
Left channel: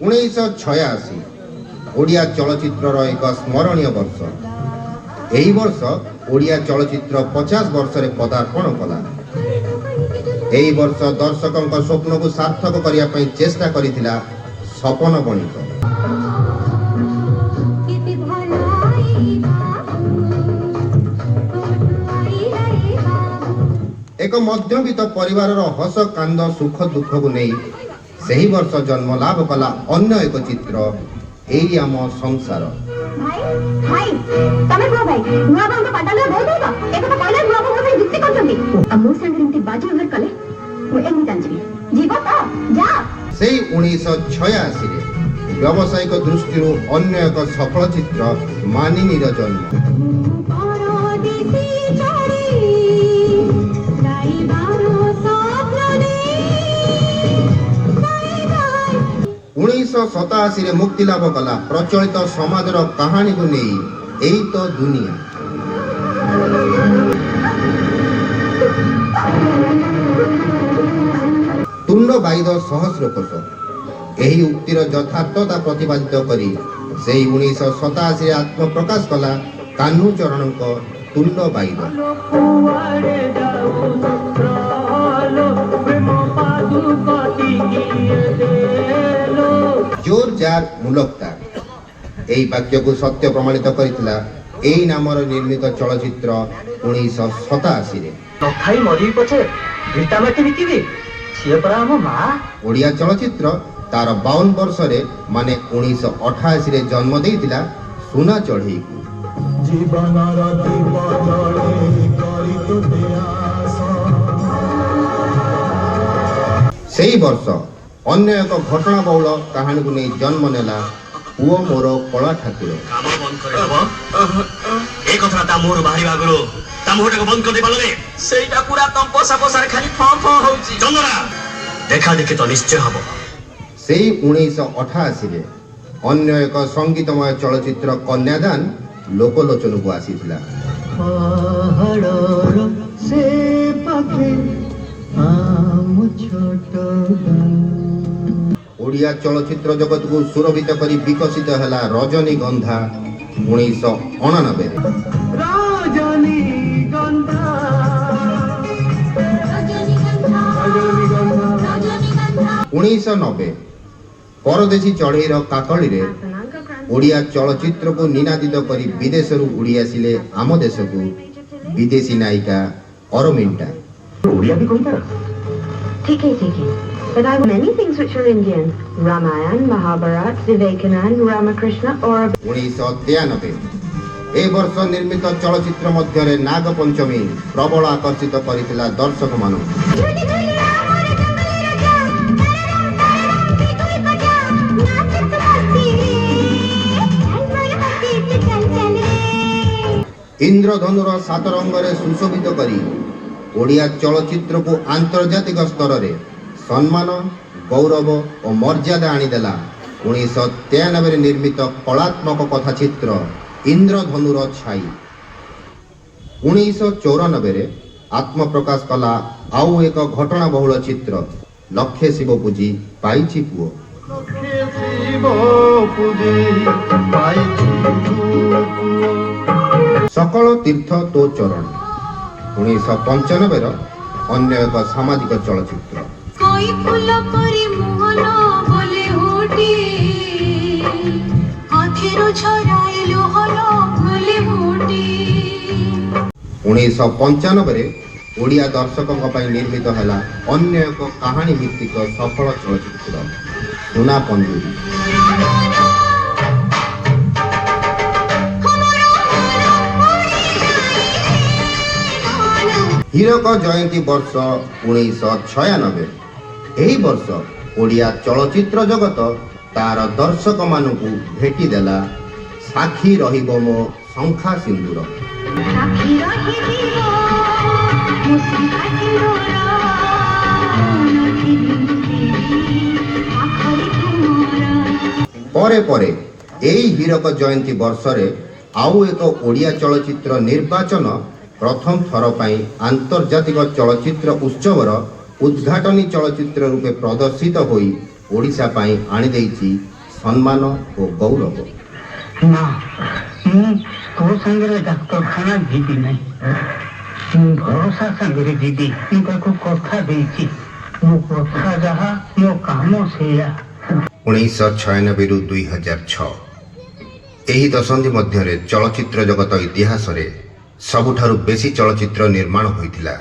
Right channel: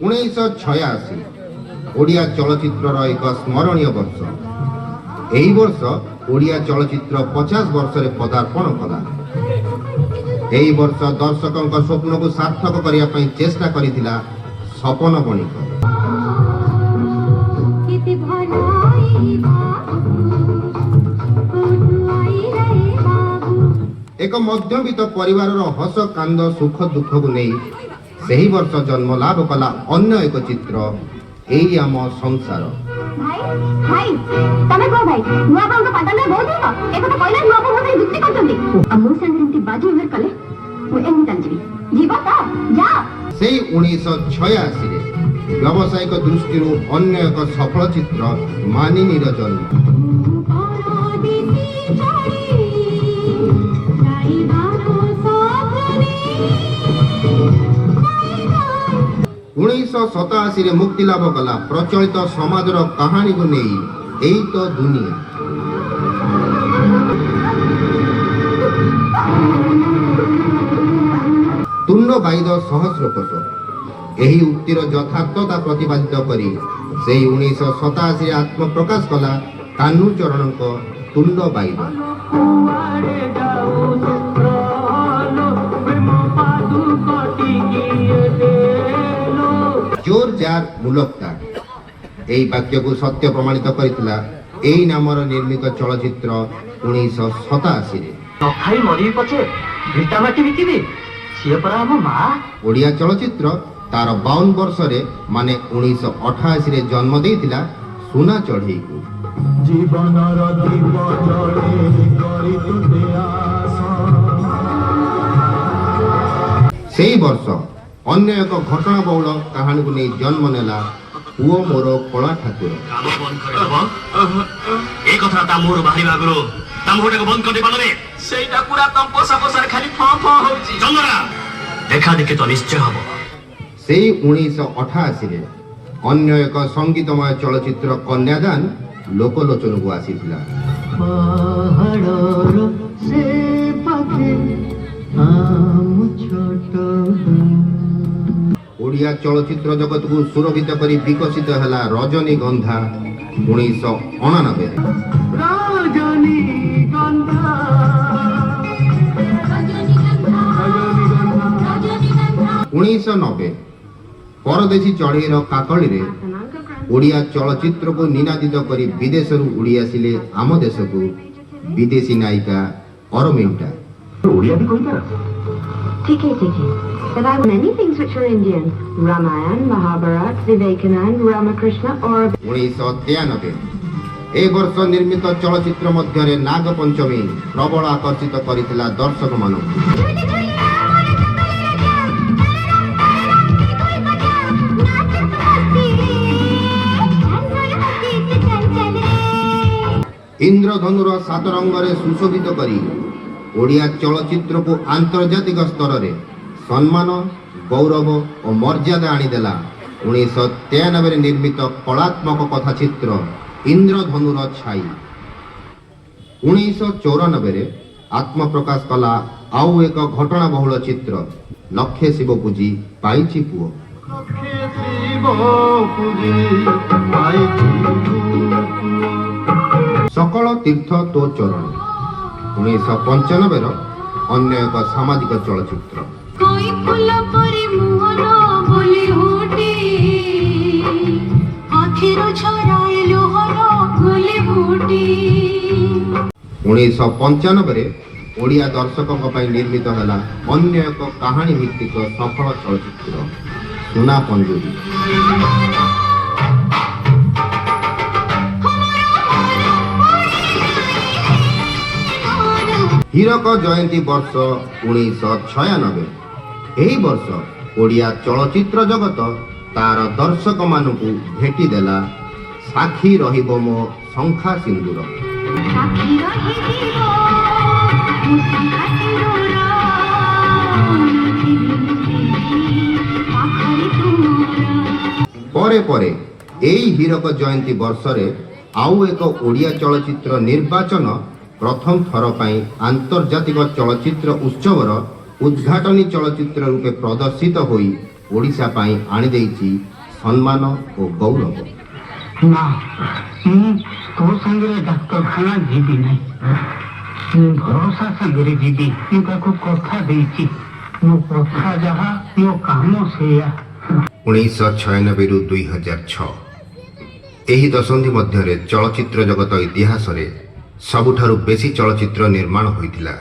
1986 ଓଡ଼ିଆ ଚଳଚ୍ଚିତ୍ରର ଏକ ସ୍ମରଣୀୟ ବର୍ଷ। ଏହି ବର୍ଷ ଓଡ଼ିଆ ଚଳଚ୍ଚିତ୍ର 50 ବର୍ଷରେ ପଦାର୍ପଣ କଲା। ଏହି ବର୍ଷ ଦର୍ଶକଙ୍କ ସ୍ୱପ୍ନକୁ ସାର୍ଥକ କରିବା ପାଇଁ ଚେଷ୍ଟା କରିଥିଲା ସପନ ବଣିକ। ଏକ ମଧ୍ୟବିତ୍ତ ପରିବାରର ହସ କାନ୍ଦ ସୁଖ ଦୁଃଖକୁ ନେଇ ସେହି ବର୍ଷ ଜନ୍ମ ଲାଭ କଲା ଅନ୍ୟ ଏକ ଚିତ୍ର ଏଇ ଆମ ସଂସାର। ସେଇ 1986ରେ ବ୍ୟବସାୟିକ ଦୃଷ୍ଟିରୁ ଅନ୍ୟ ଏକ ସଫଳ ଚିତ୍ର ମାନିନୀର ଜନ୍ମ। 1987ରେ ମୁକ୍ତିଲାଭ କଲା ପ୍ରଚଳିତ ସମାଜର କାହାଣୀକୁ ନେଇ ଏଇ ତ ଦୁନିଆ। ତୁଣ୍ଡ ବାଇଦ ସହସ୍ର କୋଶ ଏହି ଉକ୍ତିର ଯଥାର୍ଥତା ପ୍ରତିପାଦିତ କରି ସେହି 1987ରେ ଆତ୍ମପ୍ରକାଶ କଲା କାହ୍ନୁଚରଣଙ୍କ ତୁଣ୍ଡ ବାଇଦ। ଜୋର ଜାର୍ ମୁଲକ୍ତା ଏହି ବାକ୍ୟକୁ ସତ୍ୟ ପ୍ରମାଣିତ କରିଥିଲା ଏହି ନାମର ନିର୍ମିତ ଚଳଚ୍ଚିତ୍ର 1987ରେ। ଓଡ଼ିଆ ଚଳଚ୍ଚିତ୍ର ତାର 52 ବର୍ଷରେ ମାନେ 1988ରେ ଜନ୍ମ ଦେଇଥିଲା ସୁନା ଚଢ଼େଇକୁ। ସେହି ବର୍ଷ ଅନ୍ୟ ଏକ ଘଟଣା ବହୁଳ କାହାଣୀକୁ ନେଇ ଜନ୍ମ ନେଲା ପୁଅ ମୋର କଳା ଠାକୁର। ସେଇ 1988ରେ ଅନ୍ୟ ଏକ ସଙ୍ଗୀତମୟ ଚଳଚ୍ଚିତ୍ର କନ୍ୟାଦାନ ଲୋକଲୋଚନକୁ ଆସିଥିଲା। ଓଡ଼ିଆ ଚଳଚ୍ଚିତ୍ର ଜଗତକୁ ସୁରଭିତ କରି ବିକଶିତ ହେଲା ରଜନୀଗନ୍ଧା 1989। 1990 ପରଦେଶୀ ଚଢ଼େଇର କାକଳିରେ ଓଡ଼ିଆ ଚଳଚ୍ଚିତ୍ରକୁ ନିନାଦିତ କରି ବିଦେଶରୁ ଉଡ଼ି ଆସିଲେ ଆମ ଦେଶକୁ ବିଦେଶୀ ନାୟିକା ଅରମିଣ୍ଟା। ठीक है but I have many things which were Indian. Ramayana, Mahabharata, Vivekananda, Ramakrishna or 1993 ଏ ବର୍ଷ ନିର୍ମିତ ଚଳଚ୍ଚିତ୍ର ମଧ୍ୟରେ ନାଗପଞ୍ଚମୀ ପ୍ରବଳ ଆକର୍ଷିତ କରିଥିଲା ଦର୍ଶକମାନଙ୍କୁ। ଇନ୍ଦ୍ରଧନୁର 7 ରଙ୍ଗରେ ସୁଶୋଭିତ କରି ଓଡ଼ିଆ ଚଳଚ୍ଚିତ୍ରକୁ ଆନ୍ତର୍ଜାତିକ ସ୍ତରରେ ସମ୍ମାନ, ଗୌରବ ଓ ମର୍ଯ୍ୟାଦା ଆଣିଦେଲା 1993ରେ ନିର୍ମିତ କଳାତ୍ମକ କଥାଚିତ୍ର ଇନ୍ଦ୍ରଧନୁର ଛାଇ। 1994ରେ ଆତ୍ମପ୍ରକାଶ କଲା ଆଉ ଏକ ଘଟଣା ବହୁଳ ଚିତ୍ର ଲକ୍ଷେ ଶିବ ପୂଜି ପାଇଛି ପୁଅ। ସକଳ ତୀର୍ଥ ତୋ ଚରଣ 1995ର ଅନ୍ୟ ଏକ ସାମାଜିକ ଚଳଚ୍ଚିତ୍ର। कोई फूल परी मुहल बोले होटी आखिर छराए लोहल बोले होटी 1995ରେ ଓଡ଼ିଆ ଦର୍ଶକଙ୍କ ପାଇଁ ନିର୍ମିତ ହେଲା ଅନ୍ୟ ଏକ କାହାଣୀ ଭିତ୍ତିକ ସଫଳ ଚଳଚ୍ଚିତ୍ର ସୁନା ପଞ୍ଜୁରୀ। ହୀରକ ଜୟନ୍ତୀ ବର୍ଷ 1996। ଏହି ବର୍ଷ ଓଡ଼ିଆ ଚଳଚ୍ଚିତ୍ର ଜଗତ ତାର ଦର୍ଶକମାନଙ୍କୁ ଭେଟିଦେଲା ସାକ୍ଷୀ ରହିବ ମୋ ଶଙ୍ଖା ସିନ୍ଦୁର। ସାକ୍ଷୀ ରହିବ ମୁସ୍କି କାଟିର ପାଖରେ ତୁମର। ପରେ ପରେ ଏହି ହୀରକ ଜୟନ୍ତୀ ବର୍ଷରେ ଆଉ ଏକ ଓଡ଼ିଆ ଚଳଚ୍ଚିତ୍ର ନିର୍ବାଚନ ପ୍ରଥମ ଥର ପାଇଁ ଆନ୍ତର୍ଜାତିକ ଚଳଚ୍ଚିତ୍ର ଉତ୍ସବର ଉଦ୍ଘାଟନୀ ଚଳଚ୍ଚିତ୍ର ରୂପେ ପ୍ରଦର୍ଶିତ ହୋଇ ଓଡ଼ିଶା ପାଇଁ ଆଣିଦେଇଛି ସମ୍ମାନ ଓ ଗୌରବ। ନା ମୁଁ ତୋ ସାଙ୍ଗରେ ଡାକ୍ତରଖାନା ଯିବି ନାହିଁ, ମୁଁ ଭରସା ସାଙ୍ଗରେ ଯିବି। ମୁଁ ତାକୁ କଥା ଦେଇଛି, ମୋ କଥା ଯାହା ମୋ କାମ ସେଇଆ। 1996ରୁ 2006 ଏହି ଦଶନ୍ଧି ମଧ୍ୟରେ ଚଳଚ୍ଚିତ୍ର ଜଗତ ଇତିହାସରେ ସବୁଠାରୁ ବେଶୀ ଚଳଚ୍ଚିତ୍ର ନିର୍ମାଣ ହୋଇଥିଲା।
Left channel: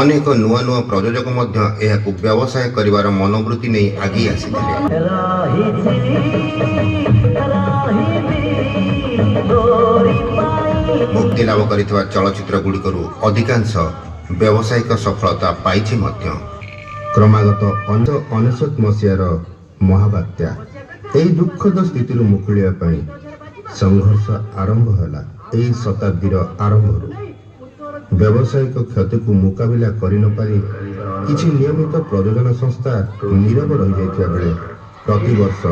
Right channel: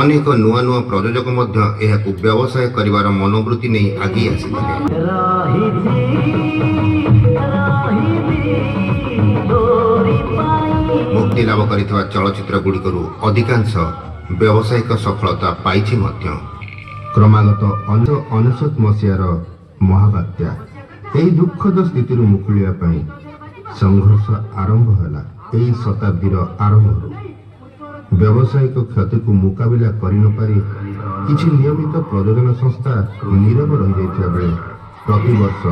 ଅନେକ ନୂଆ ନୂଆ ପ୍ରଯୋଜକ ମଧ୍ୟ ଏହାକୁ ବ୍ୟବସାୟ କରିବାର ମନୋବୃତ୍ତି ନେଇ ଆଗେଇ ଆସିଥିଲେ। ମୁକ୍ତି ଲାଭ କରିଥିବା ଚଳଚ୍ଚିତ୍ର ଗୁଡ଼ିକରୁ ଅଧିକାଂଶ ବ୍ୟବସାୟିକ ସଫଳତା ପାଇଛି ମଧ୍ୟ। କ୍ରମାଗତ 1999 ମସିହାର ମହାବାତ୍ୟା ଏହି ଦୁଃଖଦ ସ୍ଥିତିରୁ ମୁକୁଳିବା ପାଇଁ ସଂଘର୍ଷ ଆରମ୍ଭ ହେଲା। ଏହି ଶତାବ୍ଦୀର ଆରମ୍ଭରୁ ବ୍ୟବସାୟିକ କ୍ଷତିକୁ ମୁକାବିଲା କରିନପାରି କିଛି ନିୟମିତ ପ୍ରଯୋଜନା ସଂସ୍ଥା ନୀରବ ରହିଯାଇଥିବା ବେଳେ ପ୍ରତିବର୍ଷ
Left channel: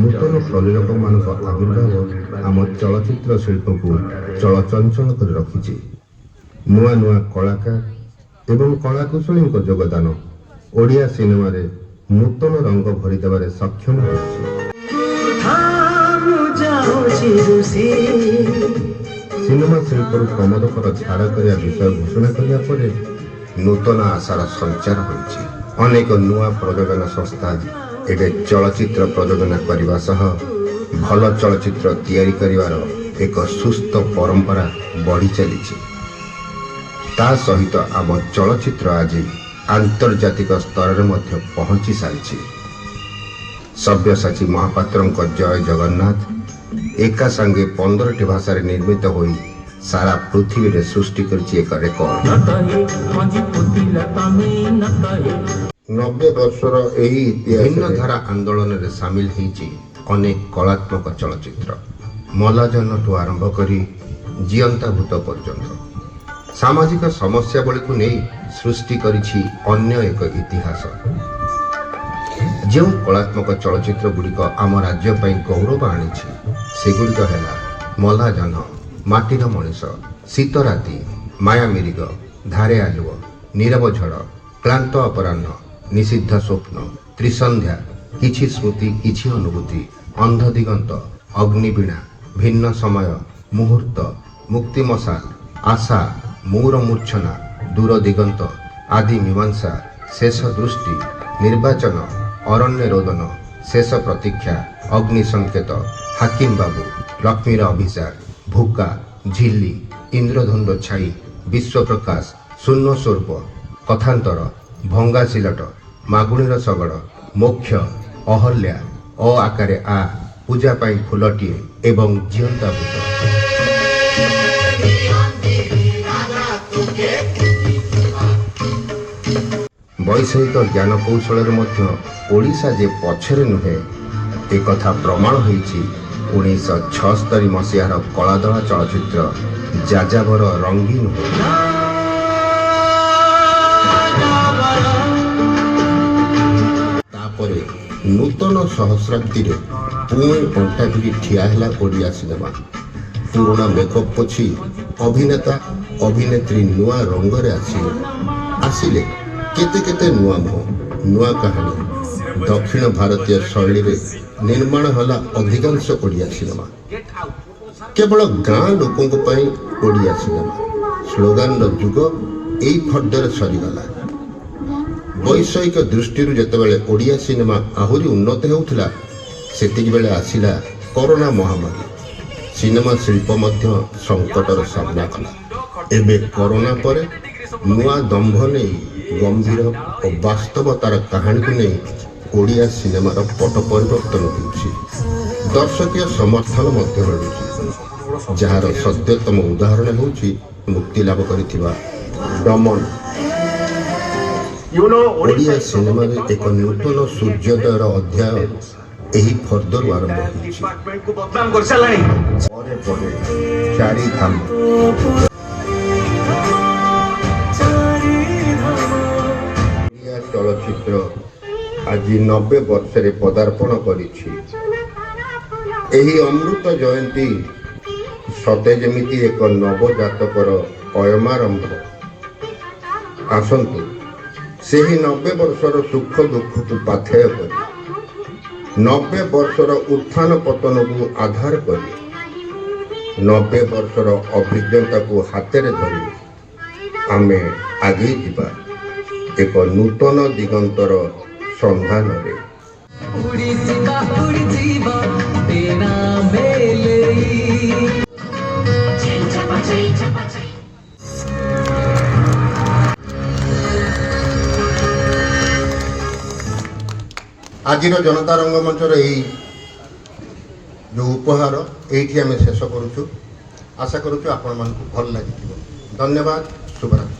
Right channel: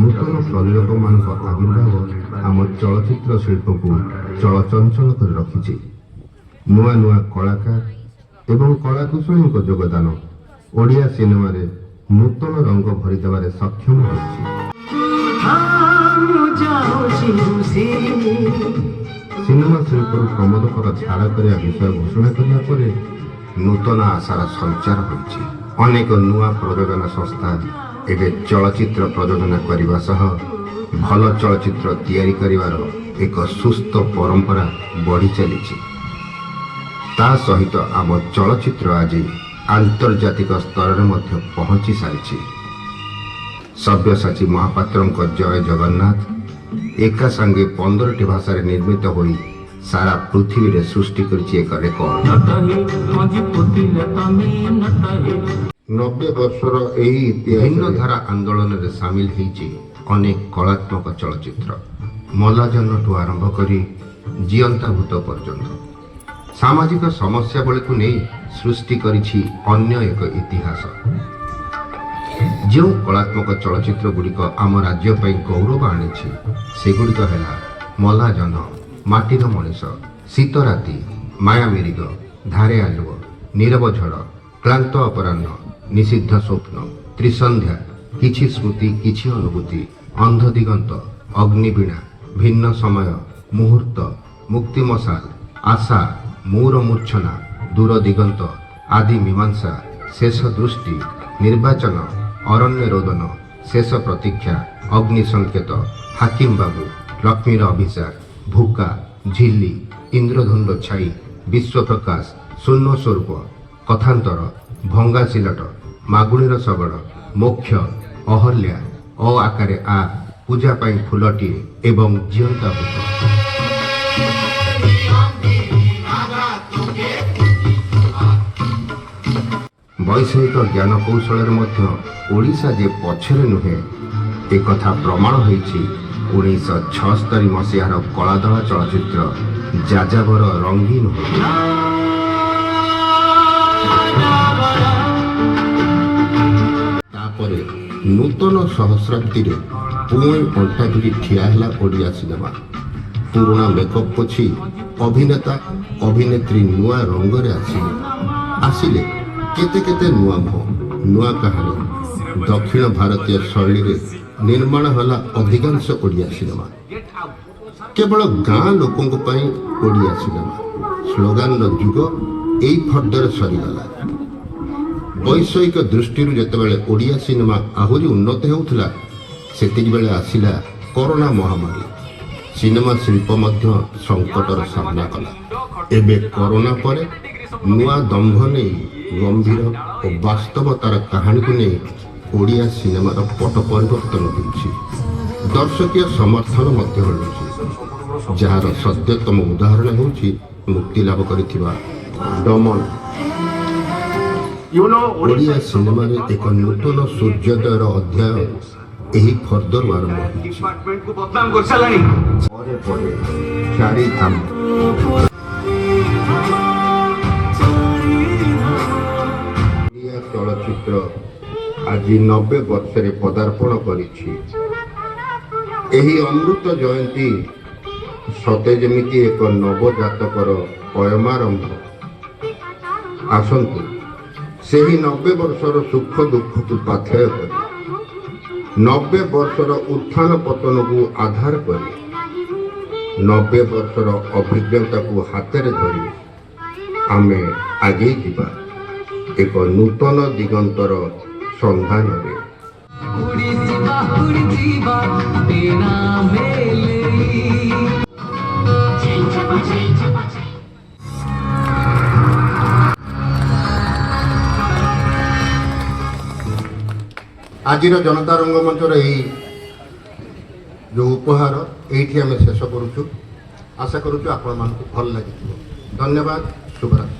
ନୂତନ ପ୍ରଯୋଜକମାନଙ୍କ ଆବିର୍ଭାବ ଆମ ଚଳଚ୍ଚିତ୍ର ଶିଳ୍ପକୁ ଚଳଚଞ୍ଚଳ କରି ରଖିଛି। ନୂଆ ନୂଆ କଳାକାର ଏବଂ କଳାକୁଶଳୀଙ୍କ ଯୋଗଦାନ ଓଡ଼ିଆ ସିନେମାରେ ନୂତନ ରଙ୍ଗ ଭରିଦେବାରେ ସକ୍ଷମ ହୋଇଛି। ସିନେମା ଶିଳ୍ପରୁ ପ୍ରମୋଦକର ଛାଡ଼ କରିବା ବିଷୟ ଘୋଷଣା କରିବା ପରେ ନୂତନ ଆଶାର ସଞ୍ଚାର ହୋଇଛି। ଅନେକ ନୂଆ ପ୍ରଯୋଜନା ସଂସ୍ଥା ଏବେ ଚଳଚ୍ଚିତ୍ର ପ୍ରଯୋଜନା କରିବା ସହ ଭଲ ଚଳଚ୍ଚିତ୍ର ତିଆରି କରିବାର ଏକ ସୁସ୍ଥ ପରମ୍ପରା ବଢ଼ି ଚାଲିଛି। ତା ସହିତ ଆମ ଚଳଚ୍ଚିତ୍ର ଆଜି ଆନ୍ତର୍ଜାତିକ ସ୍ତରରେ ମଧ୍ୟ ପହଞ୍ଚି ସାରିଛି। ସବ୍ୟସାଚୀ ମହାପାତ୍ରଙ୍କ ଜୟ ଜଗନ୍ନାଥ ଏକା ସାଙ୍ଗେ 15ଟି ଭାଷାରେ ନିର୍ମିତ ହୋଇ ସାରା ପୃଥିବୀରେ ସୃଷ୍ଟି କରିଛି ଏକ ରେକର୍ଡ। 90 ବର୍ଷର ଏହି ଭିନ୍ନ ଧାରା ଆନ୍ଦୋଳନରେ ସାମିଲ ହୋଇଛି ଅନେକ କଳାତ୍ମକ ଚଳଚ୍ଚିତ୍ର। ମଲାଜନଠୁ ଆରମ୍ଭ କରି ଜିଅନ୍ତା ଭୂତ ପର୍ଯ୍ୟନ୍ତ ସାମାଜିକ ସମସ୍ୟାବଳୀକୁ ନେଇ ସୃଷ୍ଟି କରିଛି ଅନ୍ୟ ଏକ ଇତିହାସ। ଯେଉଁ କଳାତ୍ମକ ଚଳଚ୍ଚିତ୍ର ଗୁଡ଼ିକ ଆମ ରାଜ୍ୟ ପାଇଁ ଗୌରବ ଆଣିଛି ସେଗୁଡ଼ିକ ହେଲା ମଲାଜହ୍ନ, ମାଟିର ମଣିଷ, ଶୀତ ରାତି, ମାୟାମିରିଗ, ଧାରେ ଆଲୁଅ, ନୀରବ ଝଡ଼, କ୍ଳାନ୍ତ ଅପରାହ୍ନ, ନିଷିଦ୍ଧ ସ୍ୱପ୍ନ, ତ୍ରିସନ୍ଧ୍ୟା, କିଛି ସ୍ମୃତି କିଛି ଅନୁଭୂତି, ଅନ୍ଧ ଦିଗନ୍ତ, ଅଗ୍ନିବୀଣା, ଭିନ୍ନ ସମୟ, ମୁହୂର୍ତ୍ତ, ମୁକ୍ତି ମଶାଲ, ଆଶା, ମୂର ମୂର୍ଚ୍ଛନା, ଦୂର ଦିଗନ୍ତ, ଆଦି ମୀମାଂସା, ଶେଷ ଦୃଷ୍ଟି, ନିର୍ବାଚନ, ଅରଣ୍ୟ ରୋଦନ, ଶେଷ ପ୍ରତୀକ୍ଷା, ଅଗ୍ନି ସଂକେତ, ହାକିମ ବାବୁ, ଲକ୍ଷ୍ମୀର ଅଭିସାର, ଭୁକା, ଝିଲ୍ଲି, ଇନ୍ଦ୍ରଧନୁର ଛାଇ, ବିଶ୍ୱପ୍ରକାଶ, ଶୂନ୍ୟ ସ୍ୱରୂପ, କଥାନ୍ତର, ଭଙ୍ଗା ସିଲଟ, ମାଗୁଣୀର ଶଗଡ଼, ମୋକ୍ଷ, ଅହଲ୍ୟା, ଅ ଆକାରେ ଆ, ପୂଜା ପାଇଁ ଫୁଲଟିଏ ଏବଂ ଜିଅନ୍ତା ଭୂତ। ବୈଷୟିକ ଜ୍ଞାନ କୌଶଳରେ ମଧ୍ୟ ଓଡ଼ିଶା ଯେ ପଛରେ ନୁହେଁ ଏକଥା ପ୍ରମାଣ ହୋଇଛି 1976 ମସିହାର କଳାଧଳା ଚଳଚ୍ଚିତ୍ର ଯାଯାବର ରଙ୍ଗୀନ ହୋ। ତାପରେ ନୂତନ ସହସ୍ରାବ୍ଦୀରେ ପୁଣି କଣ୍ଟା ଭିଡ଼ି ଠିଆ ହେଲା ଓଡ଼ିଆ ସିନେମା। ପୁରୁଣା ମେକଅପ୍ ପୋଛି ଅଭିନେତା ଅଭିନେତ୍ରୀ ନୂଆ ରଙ୍ଗରେ ଆସିଲେ କେତେ କେତେ ନୂଆ ମୁହଁ, ନୂଆ କାହାଣୀ, ଦକ୍ଷିଣ ଭାରତୀୟ ଶୈଳୀରେ ନିର୍ମାଣ ହେଲା ଅଧିକାଂଶ ଓଡ଼ିଆ ସିନେମା। କେବଳ ଗାଁ ଲୋକଙ୍କ ପାଇଁ ଓଡ଼ିଆ ସିନେମା ସ୍ଲୋଗାନର ଯୁଗ ଏଇ ଫର୍ଦ୍ଦରେ ସରିଗଲା। ବୈଷୟିକ ଦୃଷ୍ଟିରୁ ଯେତେବେଳେ ଓଡ଼ିଆ ସିନେମା ଆହୁରି ଉନ୍ନତ ହେଉଥିଲା, ସେତିକିବେଳେ ଆସିଲା କରୋନା ମହାମାରୀ। ସିନେମା ଶିଳ୍ପ ମଧ୍ୟ ସଙ୍କଟର ସାମ୍ନା କଲା। ଏବେ କରୋନା ପରେ ନୂଆ ଦମ୍ଭ ନେଇ ଗମ୍ଭୀର ଓ ବାସ୍ତବତାର କାହାଣୀକୁ ନେଇ ଓଡ଼ିଆ ସିନେମାର ପଟ ପରିବର୍ତ୍ତନ ହେଉଛି। ଦର୍ଶକୀୟ ସମର୍ଥନ ମଧ୍ୟ ମିଳୁଛି, ଯାହାର ସଦ୍ୟତମ ଉଦାହରଣ ହେଉଛି ମୁକ୍ତିଲାଭ କରିଥିବା ଦମନ। ଓଡ଼ିଆ ସିନେମାରେ ଏକ ନୂତନ ସୂର୍ଯ୍ୟୋଦୟର ଅଧ୍ୟାୟ ଏହି ଫର୍ଦ୍ଦରୁ ଆରମ୍ଭ ହୋଇଛି। ପରେ ପରେ ଚାରିଧାମ। ଓଡ଼ିଆ ଚଳଚ୍ଚିତ୍ର ଆଜି 90 ବର୍ଷରେ ପଦାର୍ପଣ କରିଛି। ଏହି ଅମୃତ ଜୟନ୍ତୀ ସତେ ଯେମିତି ଏକ ନବଜାତକର ଅୟମାରମ୍ଭ। ଆସନ୍ତୁ ସେହି 90 ବର୍ଷର ସୁଖ ଦୁଃଖକୁ ପାଥେୟ କରି, 90 ବର୍ଷର ଉତ୍ଥାନ ପତନକୁ ଆଧାର କରି, 90 ବର୍ଷର ଅଭିଜ୍ଞତାକୁ ହାତରେ ଧରି ଆମେ ଆଗେଇ ଯିବା ଏକ ନୂତନ ଦିଗନ୍ତର ସନ୍ଧାନରେ। ଆଜିର ଜନତା ରଙ୍ଗମଞ୍ଚର ଏହି ଯେଉଁ ଉପହାର ଏଇଠି ଆମେ ଶେଷ କରୁଛୁ। ଆଶା କରୁଛୁ ଆପଣମାନଙ୍କୁ ଭଲ ଲାଗିଥିବ। ଧନ୍ୟବାଦ। ଶୁଭରାତ୍ରି।